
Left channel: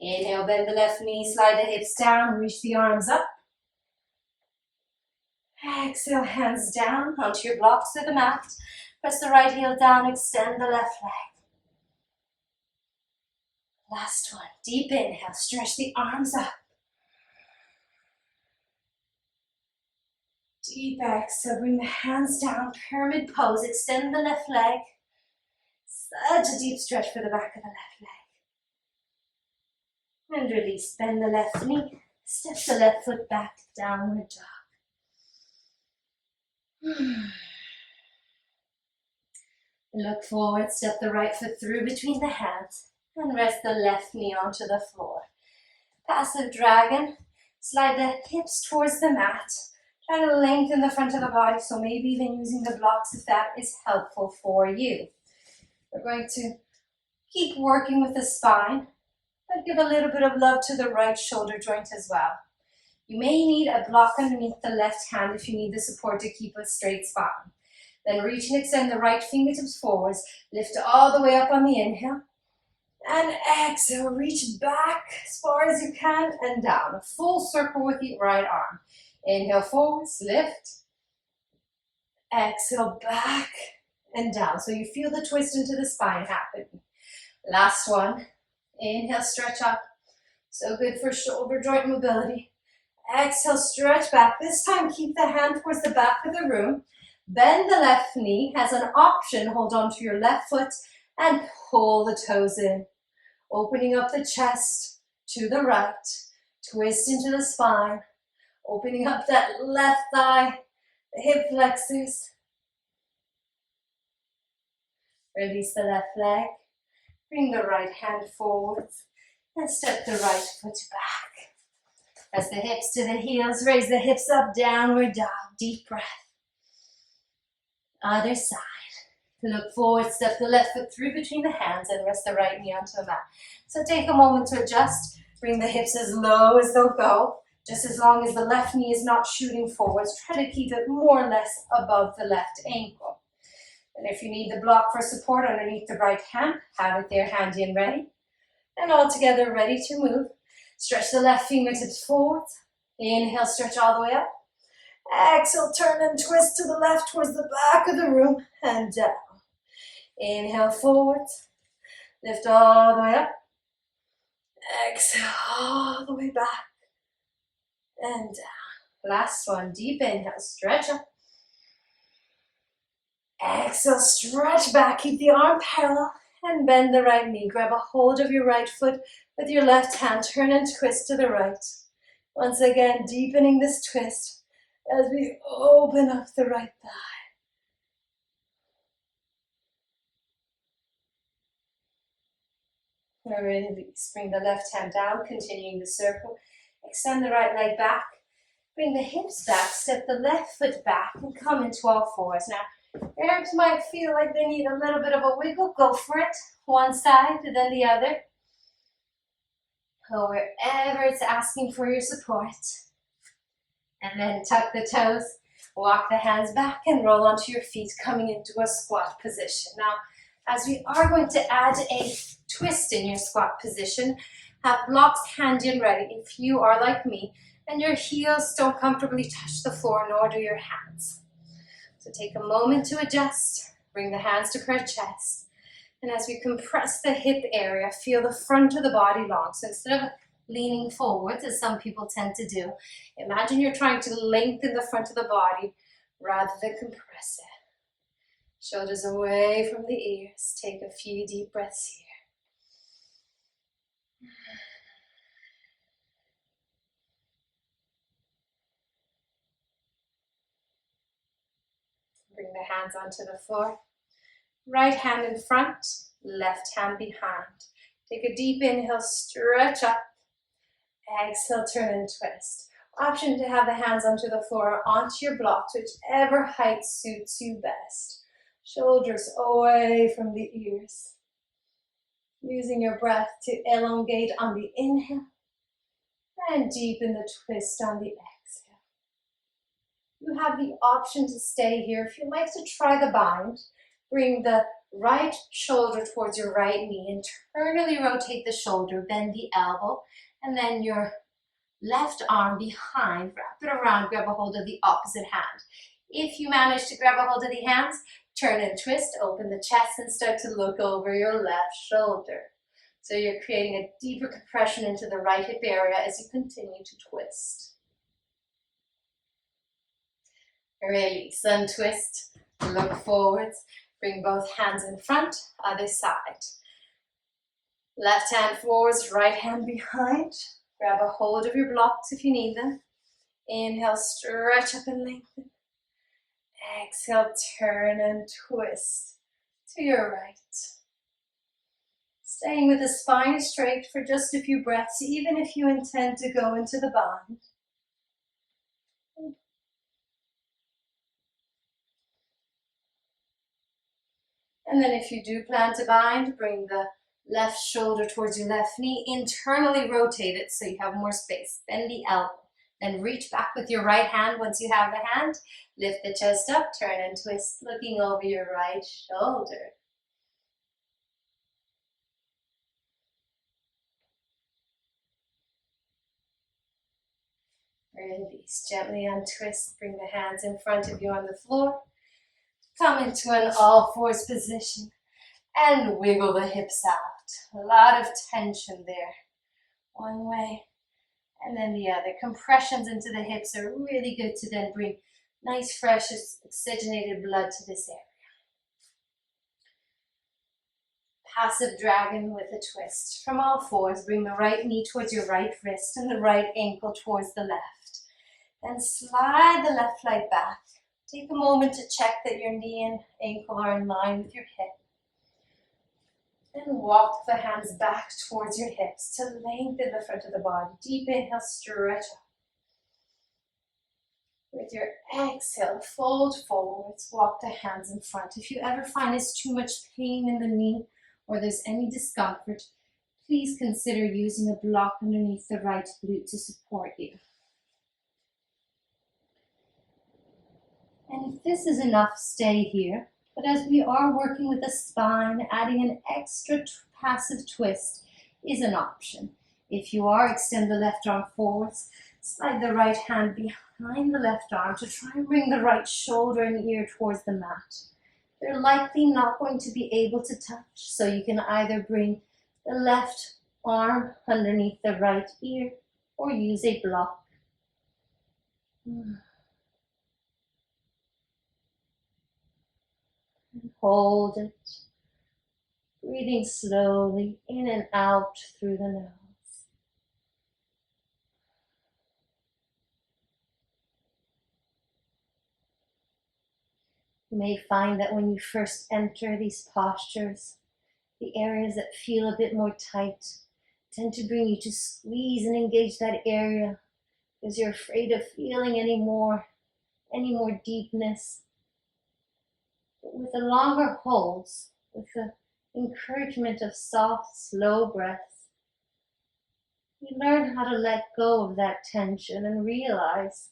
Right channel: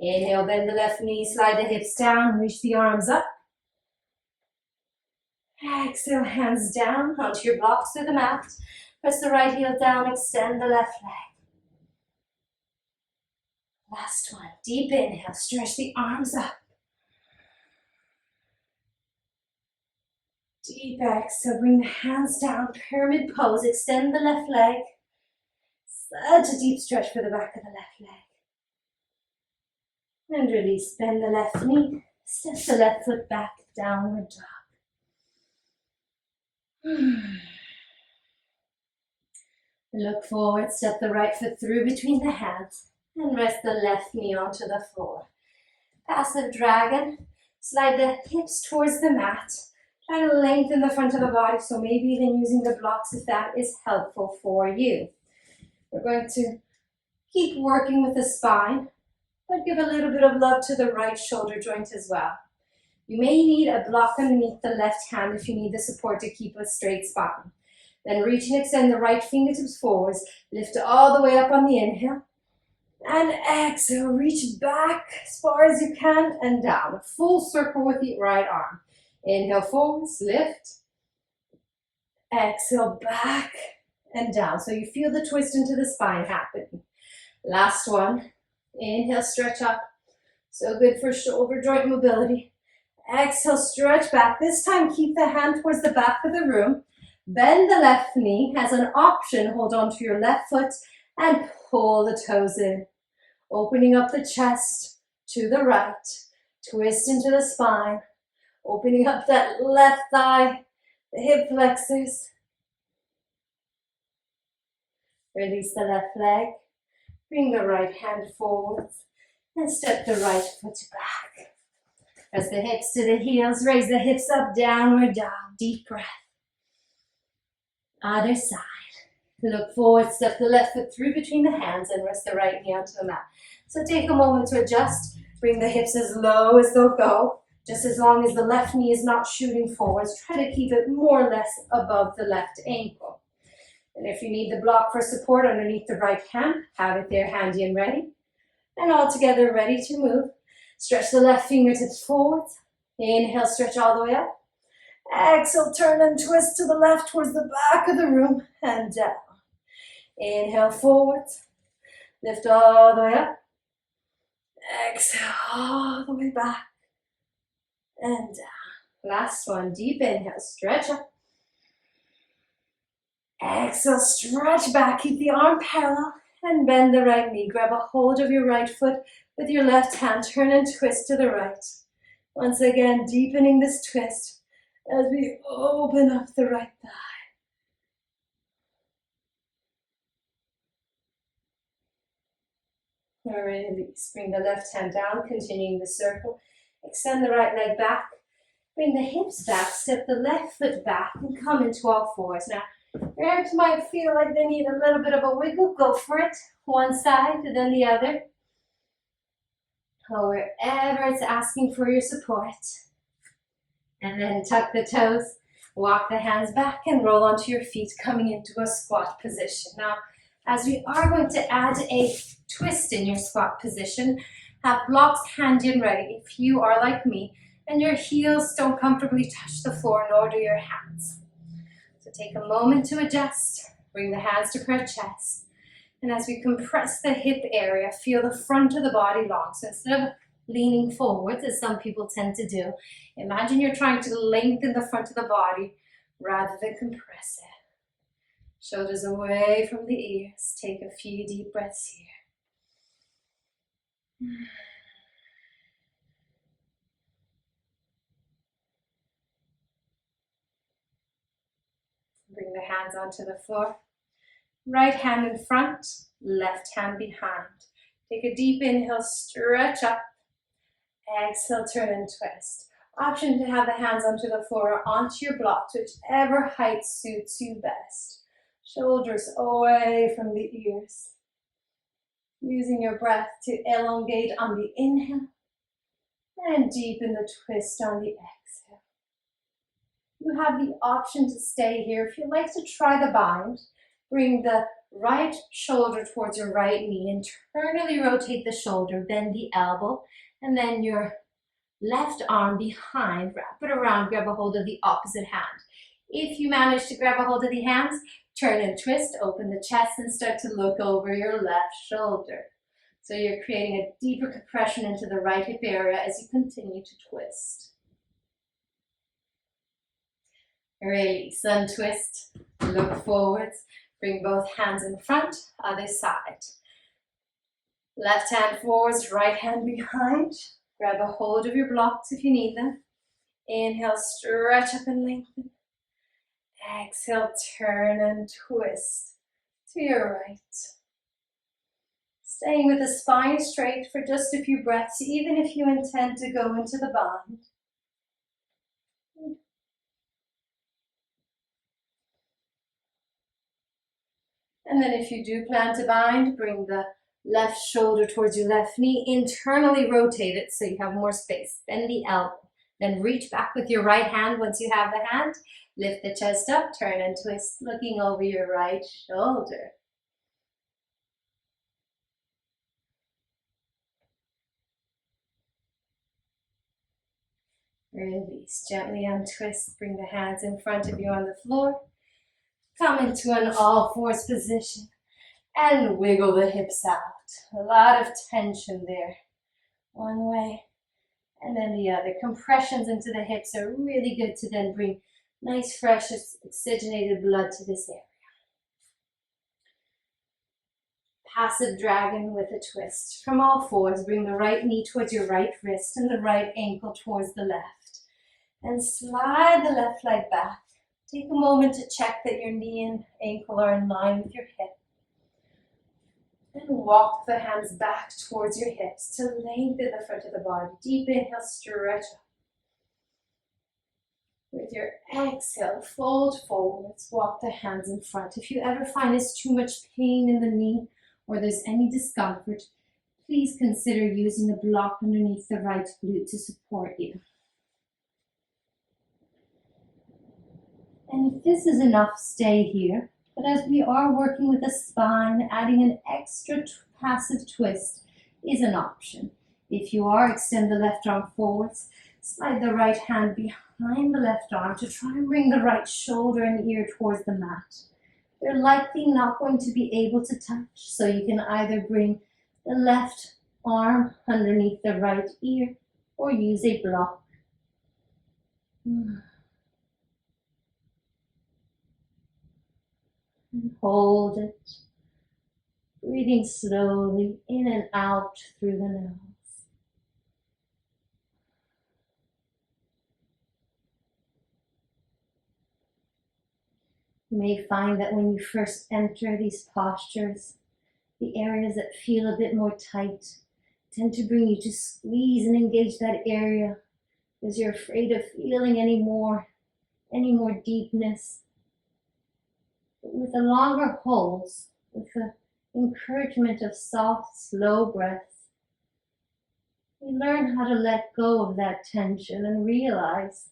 Inhale, bend the left knee, slide the hips down, reach the arms up. Exhale, hands down onto your blocks to the mat. Press the right heel down, extend the left leg. Last one, deep inhale, stretch the arms up. Deep exhale, bring the hands down, pyramid pose, extend the left leg. Such a deep stretch for the back of the left leg. And release, bend the left knee, step the left foot back, downward dog. Look forward, step the right foot through between the hands and rest the left knee onto the floor. Passive dragon, slide the hips towards the mat. Try to lengthen the front of the body, so maybe even using the blocks if that is helpful for you. We're going to keep working with the spine, but give a little bit of love to the right shoulder joint as well. You may need a block underneath the left hand if you need the support to keep a straight spine. Then reach and extend the right fingertips forwards. Lift all the way up on the inhale. And exhale, reach back as far as you can and down. A full circle with the right arm. Inhale forwards, lift. Exhale, back and down. So you feel the twist into the spine happen. Last one. Inhale, stretch up. So good for shoulder joint mobility. Exhale, stretch back. This time, keep the hand towards the back of the room. Bend the left knee. As an option, hold on to your left foot and pull the toes in. Opening up the chest to the right. Twist into the spine. Opening up that left thigh, the hip flexors. Release the left leg. Bring the right hand forwards and step the right foot back. Press the hips to the heels, raise the hips up, downward dog, deep breath. Other side. Look forward, step the left foot through between the hands and rest the right knee onto the mat. So take a moment to adjust. Bring the hips as low as they'll go. Just as long as the left knee is not shooting forwards, try to keep it more or less above the left ankle. And if you need the block for support underneath the right hand, have it there handy and ready. And all together, ready to move. Stretch the left fingertips forward. Inhale, stretch all the way up. Exhale, turn and twist to the left towards the back of the room and down. Inhale, forward. Lift all the way up. Exhale, all the way back and down. Last one, deep inhale, stretch up. Exhale, stretch back, keep the arm parallel and bend the right knee. Grab a hold of your right foot with your left hand, turn and twist to the right. Once again, deepening this twist as we open up the right thigh. Release, bring the left hand down, continuing the circle. Extend the right leg back, bring the hips back, step the left foot back and come into all fours. Now, your hips might feel like they need a little bit of a wiggle, go for it. One side and then the other. Or wherever it's asking for your support. And then tuck the toes, walk the hands back and roll onto your feet, coming into a squat position. Now, as we are going to add a twist in your squat position, have blocks handy and ready if you are like me and your heels don't comfortably touch the floor, nor do your hands. So take a moment to adjust, bring the hands to crunch chest. And as we compress the hip area, feel the front of the body long. So instead of leaning forwards, as some people tend to do, imagine you're trying to lengthen the front of the body rather than compress it. Shoulders away from the ears. Take a few deep breaths here. Bring the hands onto the floor. Right hand in front, left hand behind. Take a deep inhale, stretch up. Exhale, turn and twist. Option to have the hands onto the floor or onto your blocks, whichever height suits you best. Shoulders away from the ears. Using your breath to elongate on the inhale and deepen the twist on the exhale. You have the option to stay here. If you'd like to try the bind, bring the right shoulder towards your right knee. Internally rotate the shoulder, bend the elbow, and then your left arm behind. Wrap it around, grab a hold of the opposite hand. If you manage to grab a hold of the hands, turn and twist, open the chest and start to look over your left shoulder. So you're creating a deeper compression into the right hip area as you continue to twist. Release, untwist, look forwards, bring both hands in front, other side. Left hand forwards, right hand behind. Grab a hold of your blocks if you need them. Inhale, stretch up and lengthen. Exhale, turn and twist to your right. Staying with the spine straight for just a few breaths, even if you intend to go into the bind. And then if you do plan to bind, bring the left shoulder towards your left knee, internally rotate it so you have more space. Bend the elbow, then reach back with your right hand once you have the hand. Lift the chest up, turn and twist, looking over your right shoulder. Release, gently untwist, bring the hands in front of you on the floor. Come into an all fours position and wiggle the hips out. A lot of tension there. One way and then the other. Compressions into the hips are really good to then bring nice, fresh, oxygenated blood to this area. Passive dragon with a twist. From all fours, bring the right knee towards your right wrist and the right ankle towards the left. And slide the left leg back. Take a moment to check that your knee and ankle are in line with your hip. And walk the hands back towards your hips to lengthen the front of the body. Deep inhale, stretch up. With your exhale, fold forwards, walk the hands in front. If you ever find there's too much pain in the knee or there's any discomfort, please consider using a block underneath the right glute to support you. And if this is enough, stay here. But as we are working with the spine, adding an extra passive twist is an option. If you are, extend the left arm forwards, slide the right hand behind the left arm to try and bring the right shoulder and ear towards the mat. They're likely not going to be able to touch, so you can either bring the left arm underneath the right ear or use a block. And hold it, breathing slowly in and out through the nose. You may find that when you first enter these postures, the areas that feel a bit more tight tend to bring you to squeeze and engage that area because you're afraid of feeling any more deepness. But with the longer holds, with the encouragement of soft, slow breaths, we learn how to let go of that tension and realize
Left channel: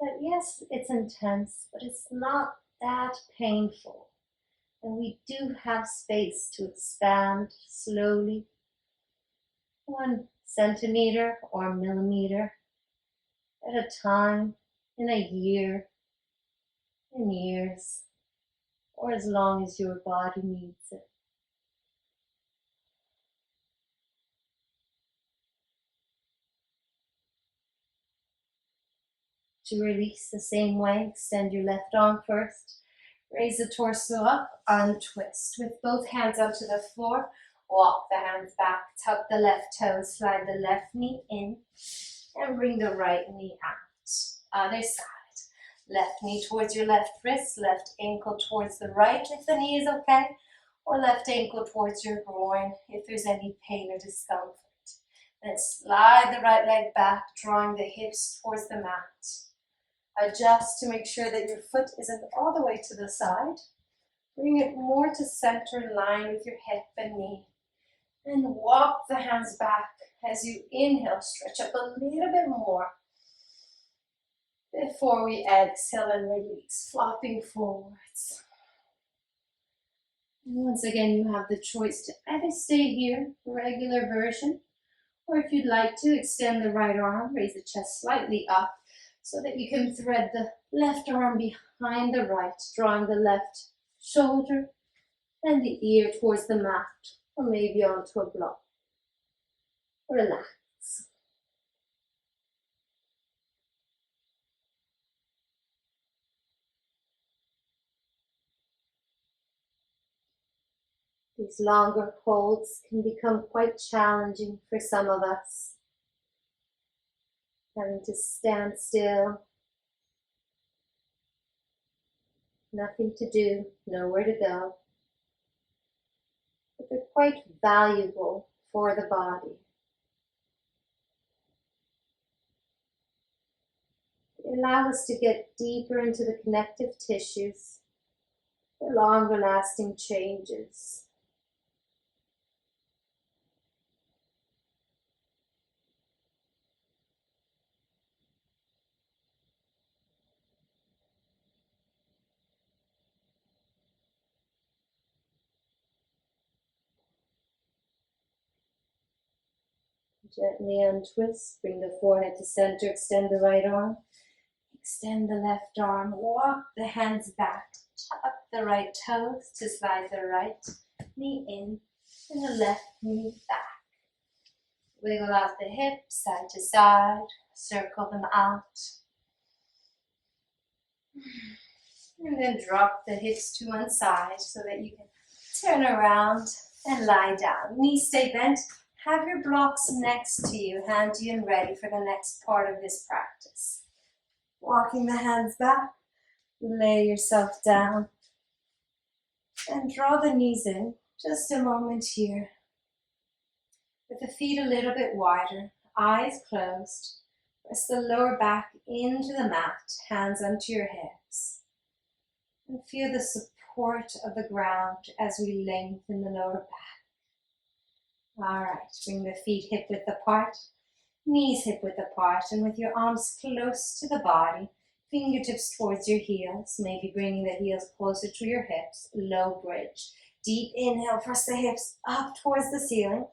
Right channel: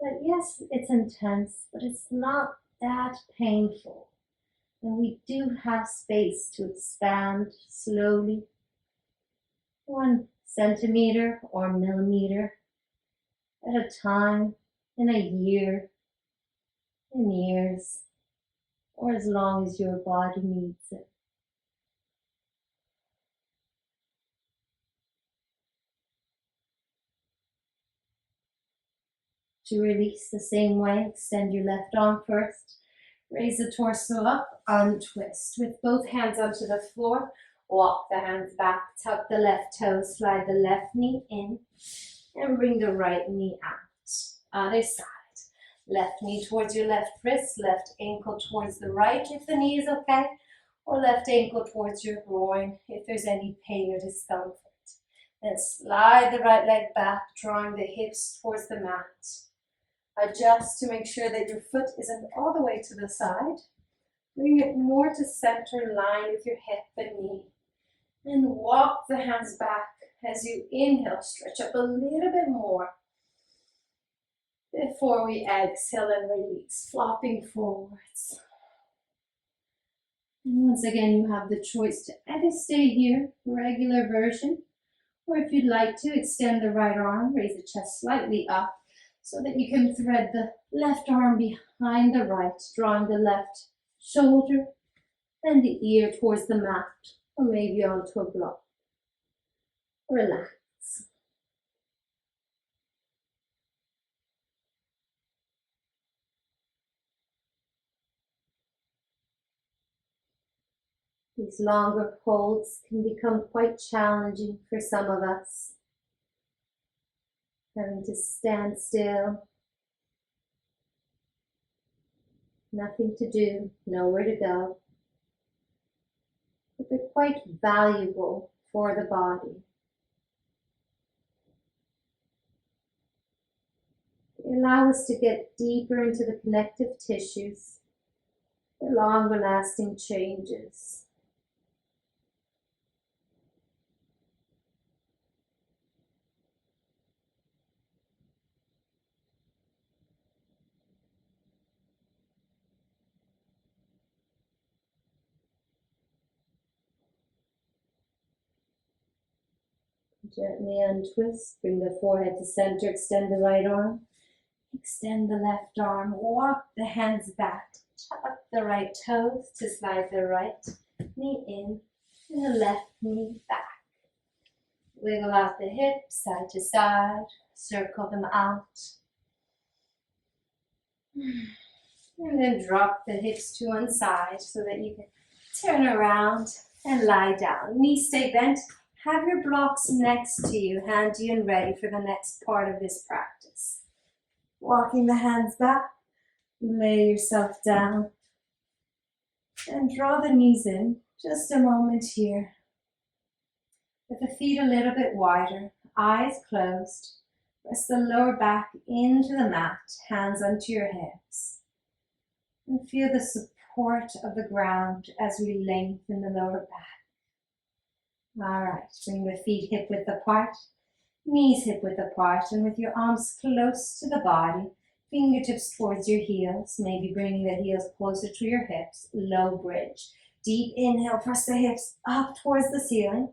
that yes, it's intense, but it's not that painful. And we do have space to expand slowly, 1 centimeter or millimeter at a time, in a year, in years, or as long as your body needs it. To release the same way, extend your left arm first. Raise the torso up, untwist. With both hands onto the floor, walk the hands back, tuck the left toes, slide the left knee in, and bring the right knee out. Other side. Left knee towards your left wrist, left ankle towards the right if the knee is okay, or left ankle towards your groin if there's any pain or discomfort. Then slide the right leg back, drawing the hips towards the mat. Adjust to make sure that your foot isn't all the way to the side. Bring it more to center in line with your hip and knee. And walk the hands back as you inhale, stretch up a little bit more. Before we exhale and release, flopping forwards. And once again, you have the choice to either stay here, regular version, or if you'd like to, extend the right arm, raise the chest slightly up, so that you can thread the left arm behind the right, drawing the left shoulder and the ear towards the mat, or maybe onto a block. Relax. These longer holds can become quite challenging for some of us. Having to stand still, nothing to do, nowhere to go. But they're quite valuable for the body. They allow us to get deeper into the connective tissues, the longer lasting changes. Gently untwist, bring the forehead to center, extend the right arm, extend the left arm, walk the hands back, tuck the right toes to slide the right knee in and the left knee back. Wiggle out the hips side to side, circle them out. And then drop the hips to one side so that you can turn around and lie down. Knees stay bent. Have your blocks next to you, handy and ready for the next part of this practice. Walking the hands back, lay yourself down, and draw the knees in. Just a moment here. With the feet a little bit wider, eyes closed. Press the lower back into the mat, hands onto your hips. And feel the support of the ground as we lengthen the lower back. All right, bring the feet hip width apart, knees hip width apart, and with your arms close to the body, Fingertips towards your heels, maybe bringing the heels closer to your hips. Low bridge. Deep inhale, press the hips up towards the ceiling.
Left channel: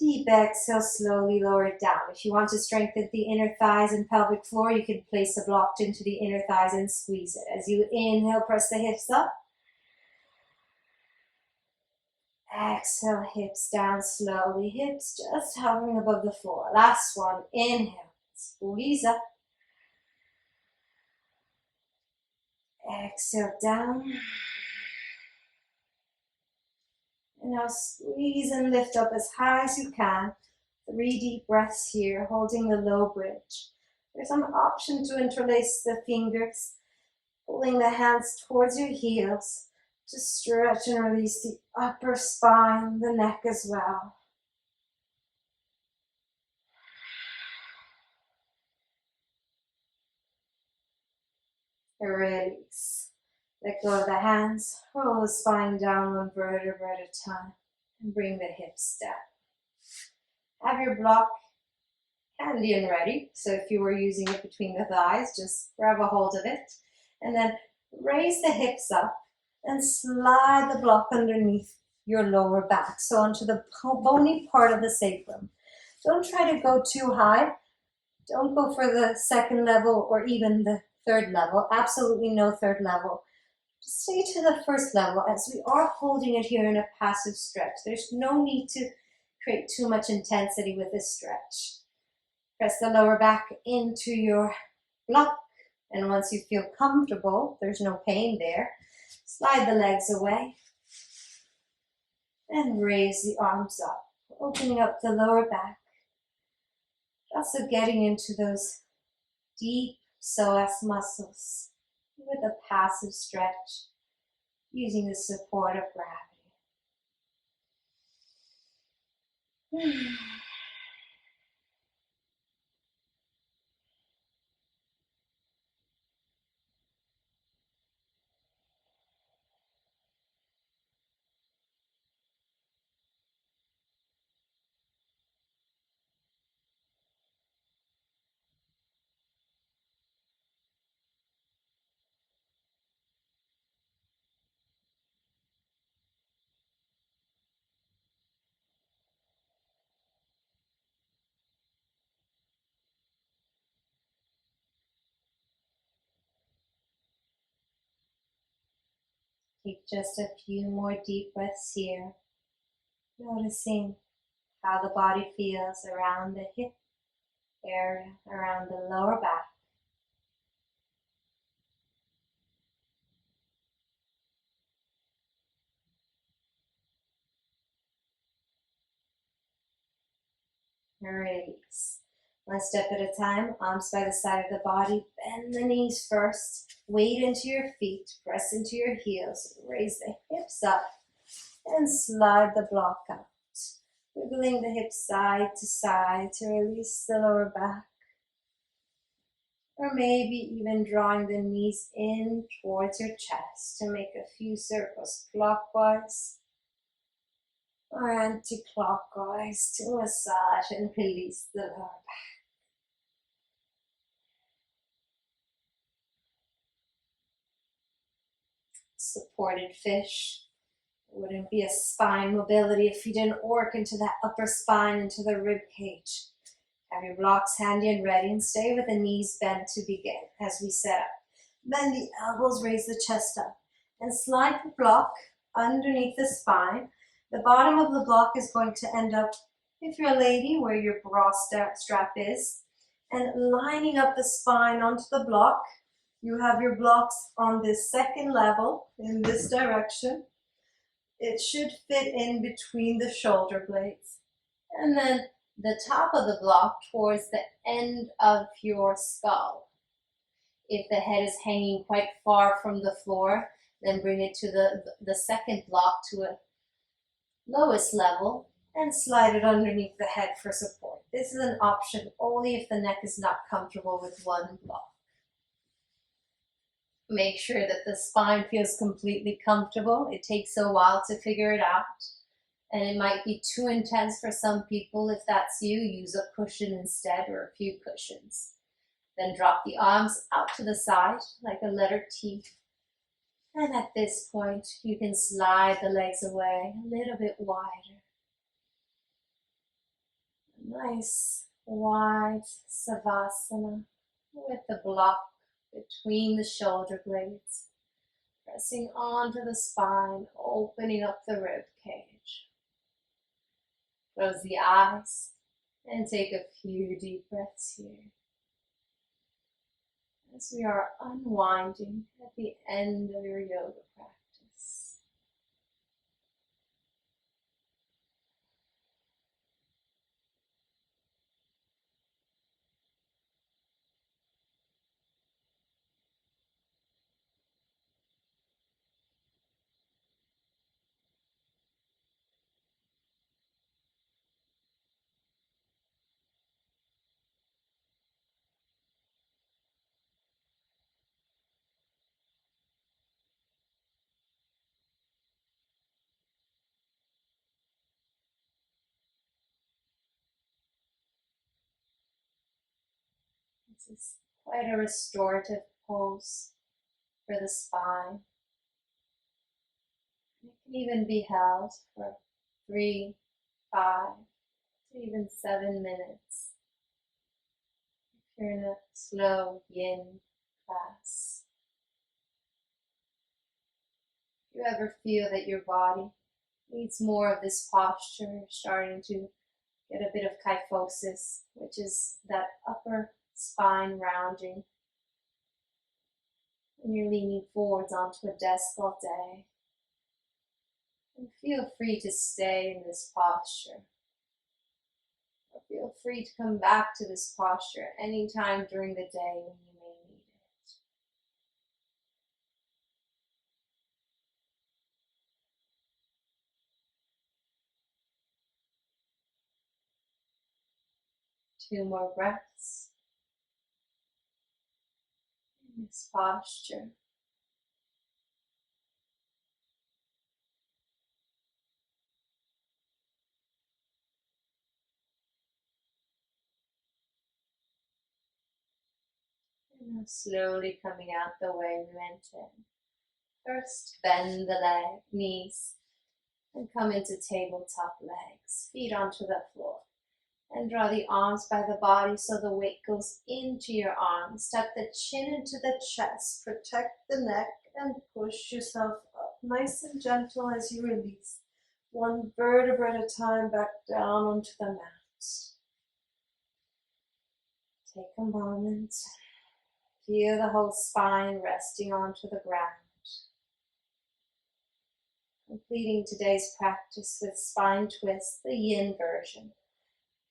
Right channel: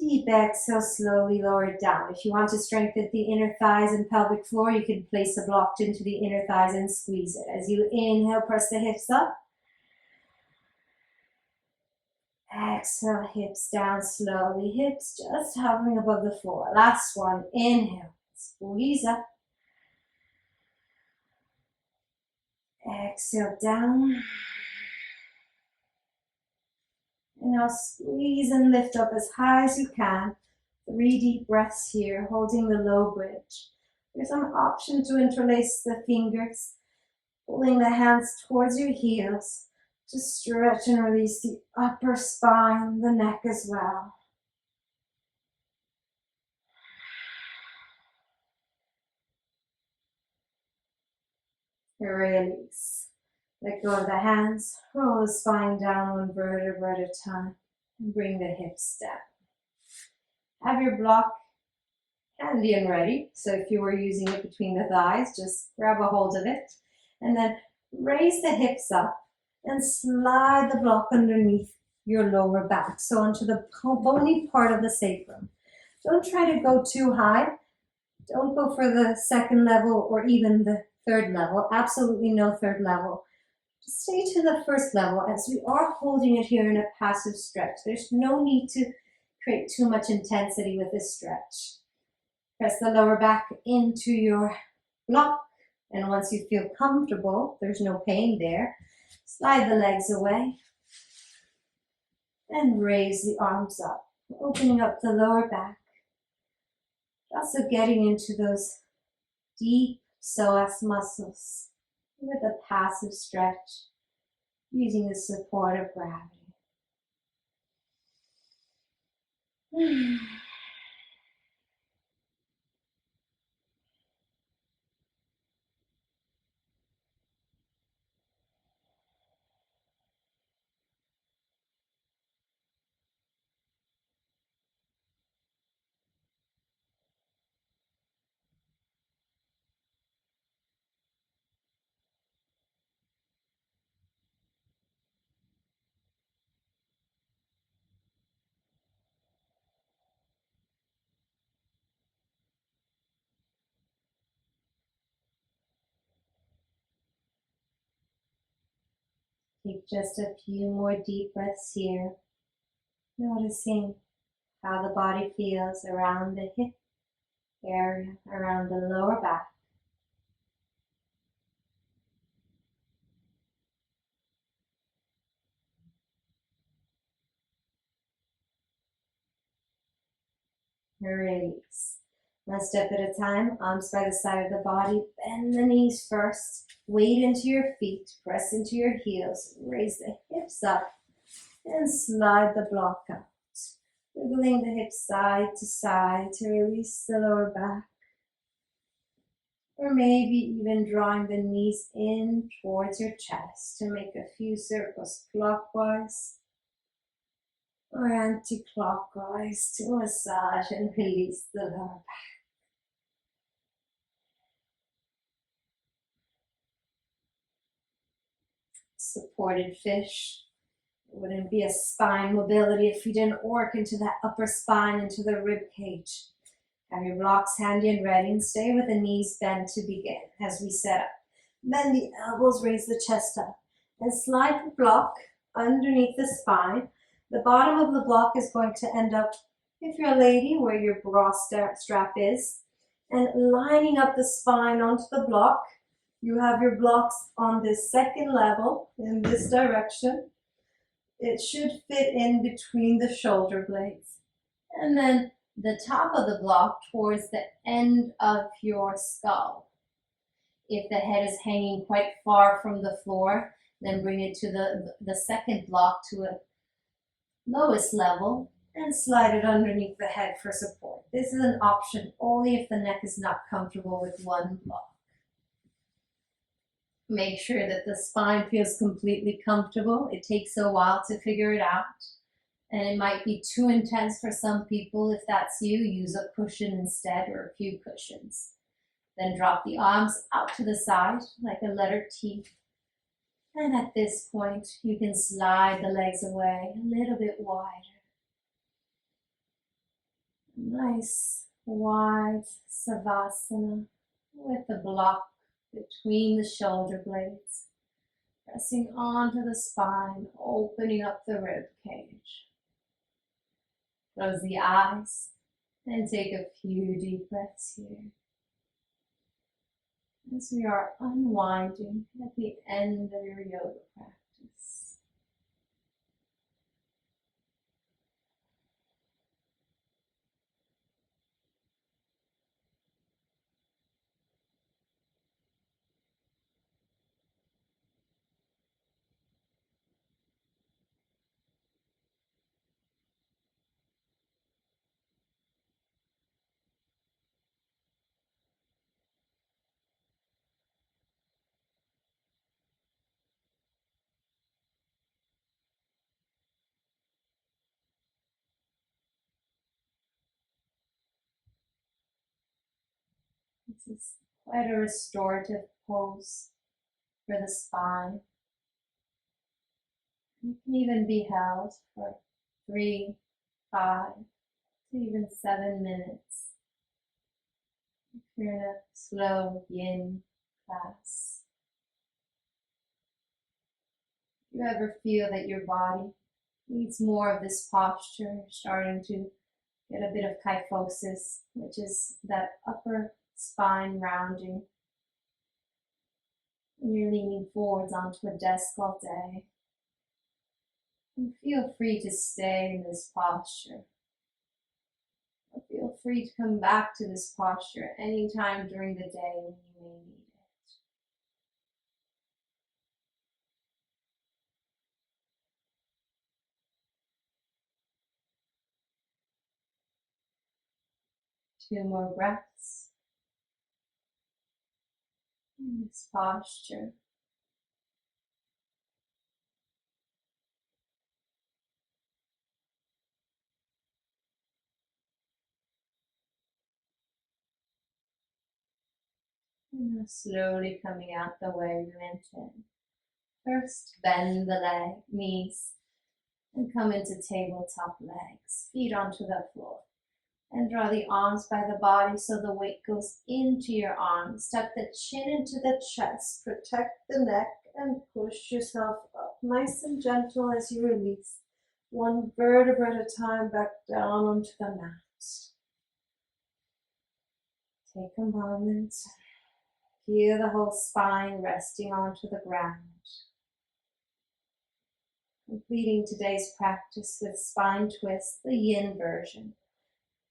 Deep exhale, slowly lower it down. If you want to strengthen the inner thighs and pelvic floor, you can place a block into the inner thighs and squeeze it. As you inhale, press the hips up. Exhale, hips down slowly. Hips just hovering above the floor. Last one. Inhale, squeeze up. Exhale, down. And now squeeze and lift up as high as you can. 3 deep breaths here, holding the low bridge. There's an option to interlace the fingers, pulling the hands towards your heels to stretch and release the upper spine, the neck as well. Release. Let go of the hands, roll the spine down 1 vertebra at a time, and bring the hips down. Have your block handy and ready. So if you were using it between the thighs, just grab a hold of it, and then raise the hips up and slide the block underneath your lower back, so onto the bony part of the sacrum. Don't try to go too high. Don't go for the 2nd level or even the 3rd level. Absolutely no 3rd level. Just stay to the 1st level, as we are holding it here in a passive stretch. There's no need to create too much intensity with this stretch. Press the lower back into your block, and once you feel comfortable, there's no pain there, slide the legs away and raise the arms up, opening up the lower back. Also getting into those deep psoas muscles with a passive stretch, using the support of gravity. Take just a few more deep breaths here, noticing how the body feels around the hip area, around the lower back. Release. 1 step at a time, arms by the side of the body. Bend the knees first. Weight into your feet. Press into your heels. Raise the hips up and slide the block out. Wiggling the hips side to side to release the lower back. Or maybe even drawing the knees in towards your chest to make a few circles clockwise or anti-clockwise to massage and release the lower back. Supported fish. It wouldn't be a spine mobility if you didn't work into that upper spine, into the rib cage. Have your blocks handy and ready, and stay with the knees bent to begin as we set up. Bend the elbows, raise the chest up, and slide the block underneath the spine. The bottom of the block is going to end up, if you're a lady, where your bra strap is, and lining up the spine onto the block. You have your blocks on this 2nd level in this direction. It should fit in between the shoulder blades. And then the top of the block towards the end of your skull. If the head is hanging quite far from the floor, then bring it to the 2nd block to a lowest level and slide it underneath the head for support. This is an option only if the neck is not comfortable with one block. Make sure that the spine feels completely comfortable. It takes a while to figure it out, and it might be too intense for some people. If that's you, use a cushion instead, or a few cushions. Then drop the arms out to the side like a letter T. And at this point, you can slide the legs away a little bit wider. Nice wide savasana with the block between the shoulder blades, pressing onto the spine, opening up the rib cage. Close the eyes and take a few deep breaths here as we are unwinding at the end of your yoga practice. This is quite a restorative pose for the spine. It can even be held for 3, 5, to even 7 minutes if you're in a slow yin class. If you ever feel that your body needs more of this posture, you're starting to get a bit of kyphosis, which is that upper spine rounding, and you're leaning forwards onto a desk all day. And feel free to stay in this posture. Or feel free to come back to this posture anytime during the day when you may need it. 2 more breaths in this posture. And now slowly coming out the way we went in. First, bend the knees and come into tabletop legs, feet onto the floor. And draw the arms by the body so the weight goes into your arms. Step the chin into the chest, protect the neck, and push yourself up. Nice and gentle as you release. 1 vertebra at a time back down onto the mat. Take a moment. Feel the whole spine resting onto the ground. Completing today's practice with spine twist, the yin version.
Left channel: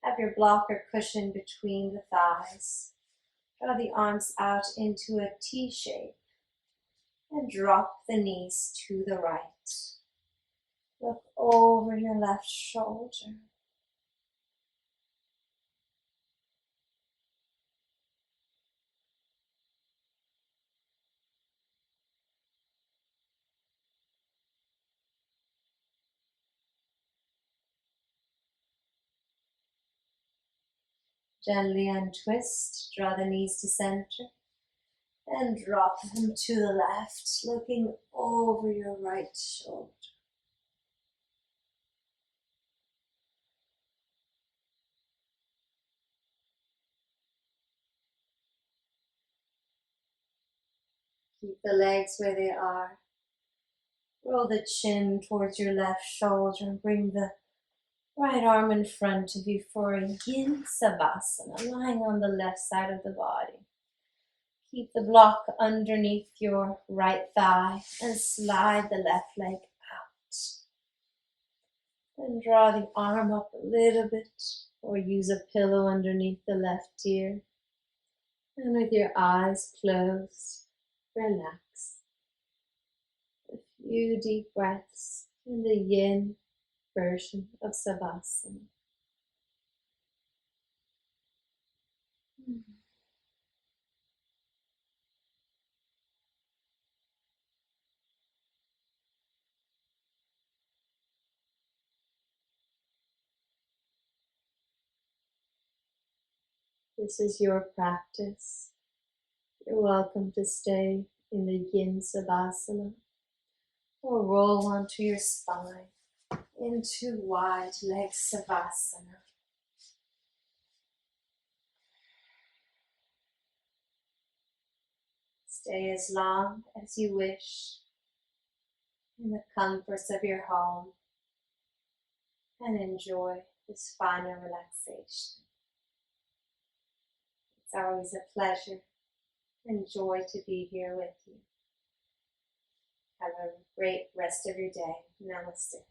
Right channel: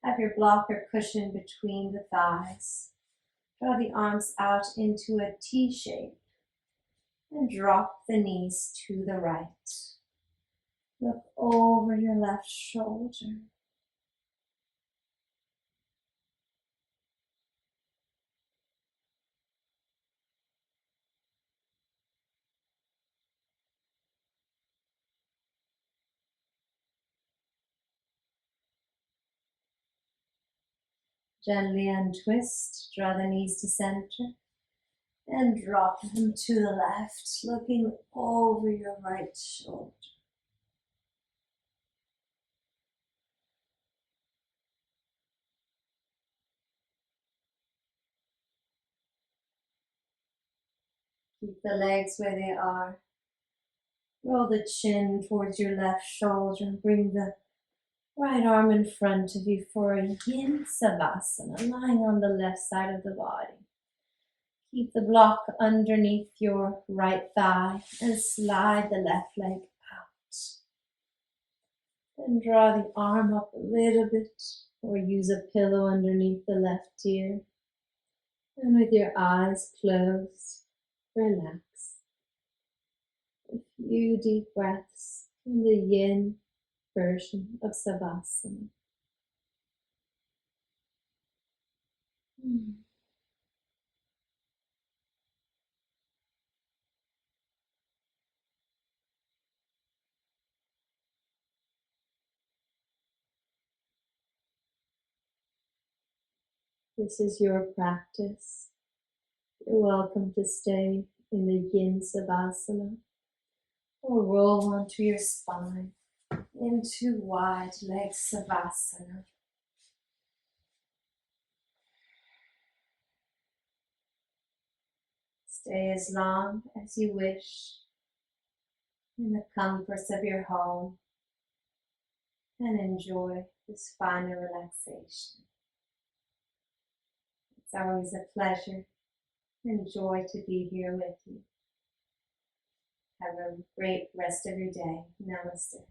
Have your blocker cushion between the thighs. Draw the arms out into a T shape and drop the knees to the right. Look over your left shoulder. Gently untwist, draw the knees to center, and drop them to the left, looking over your right shoulder. Keep the legs where they are. Roll the chin towards your left shoulder and bring the right arm in front of you for a yin savasana, lying on the left side of the body. Keep the block underneath your right thigh and slide the left leg out. Then draw the arm up a little bit or use a pillow underneath the left ear. And with your eyes closed, relax. A few deep breaths in the yin version of savasana. This is your practice. You're welcome to stay in the Yin Savasana or roll onto your spine into wide leg Savasana. Stay as long as you wish in the comforts of your home and enjoy this final relaxation. It's always a pleasure and joy to be here with you. Have a great rest of your day. Namaste.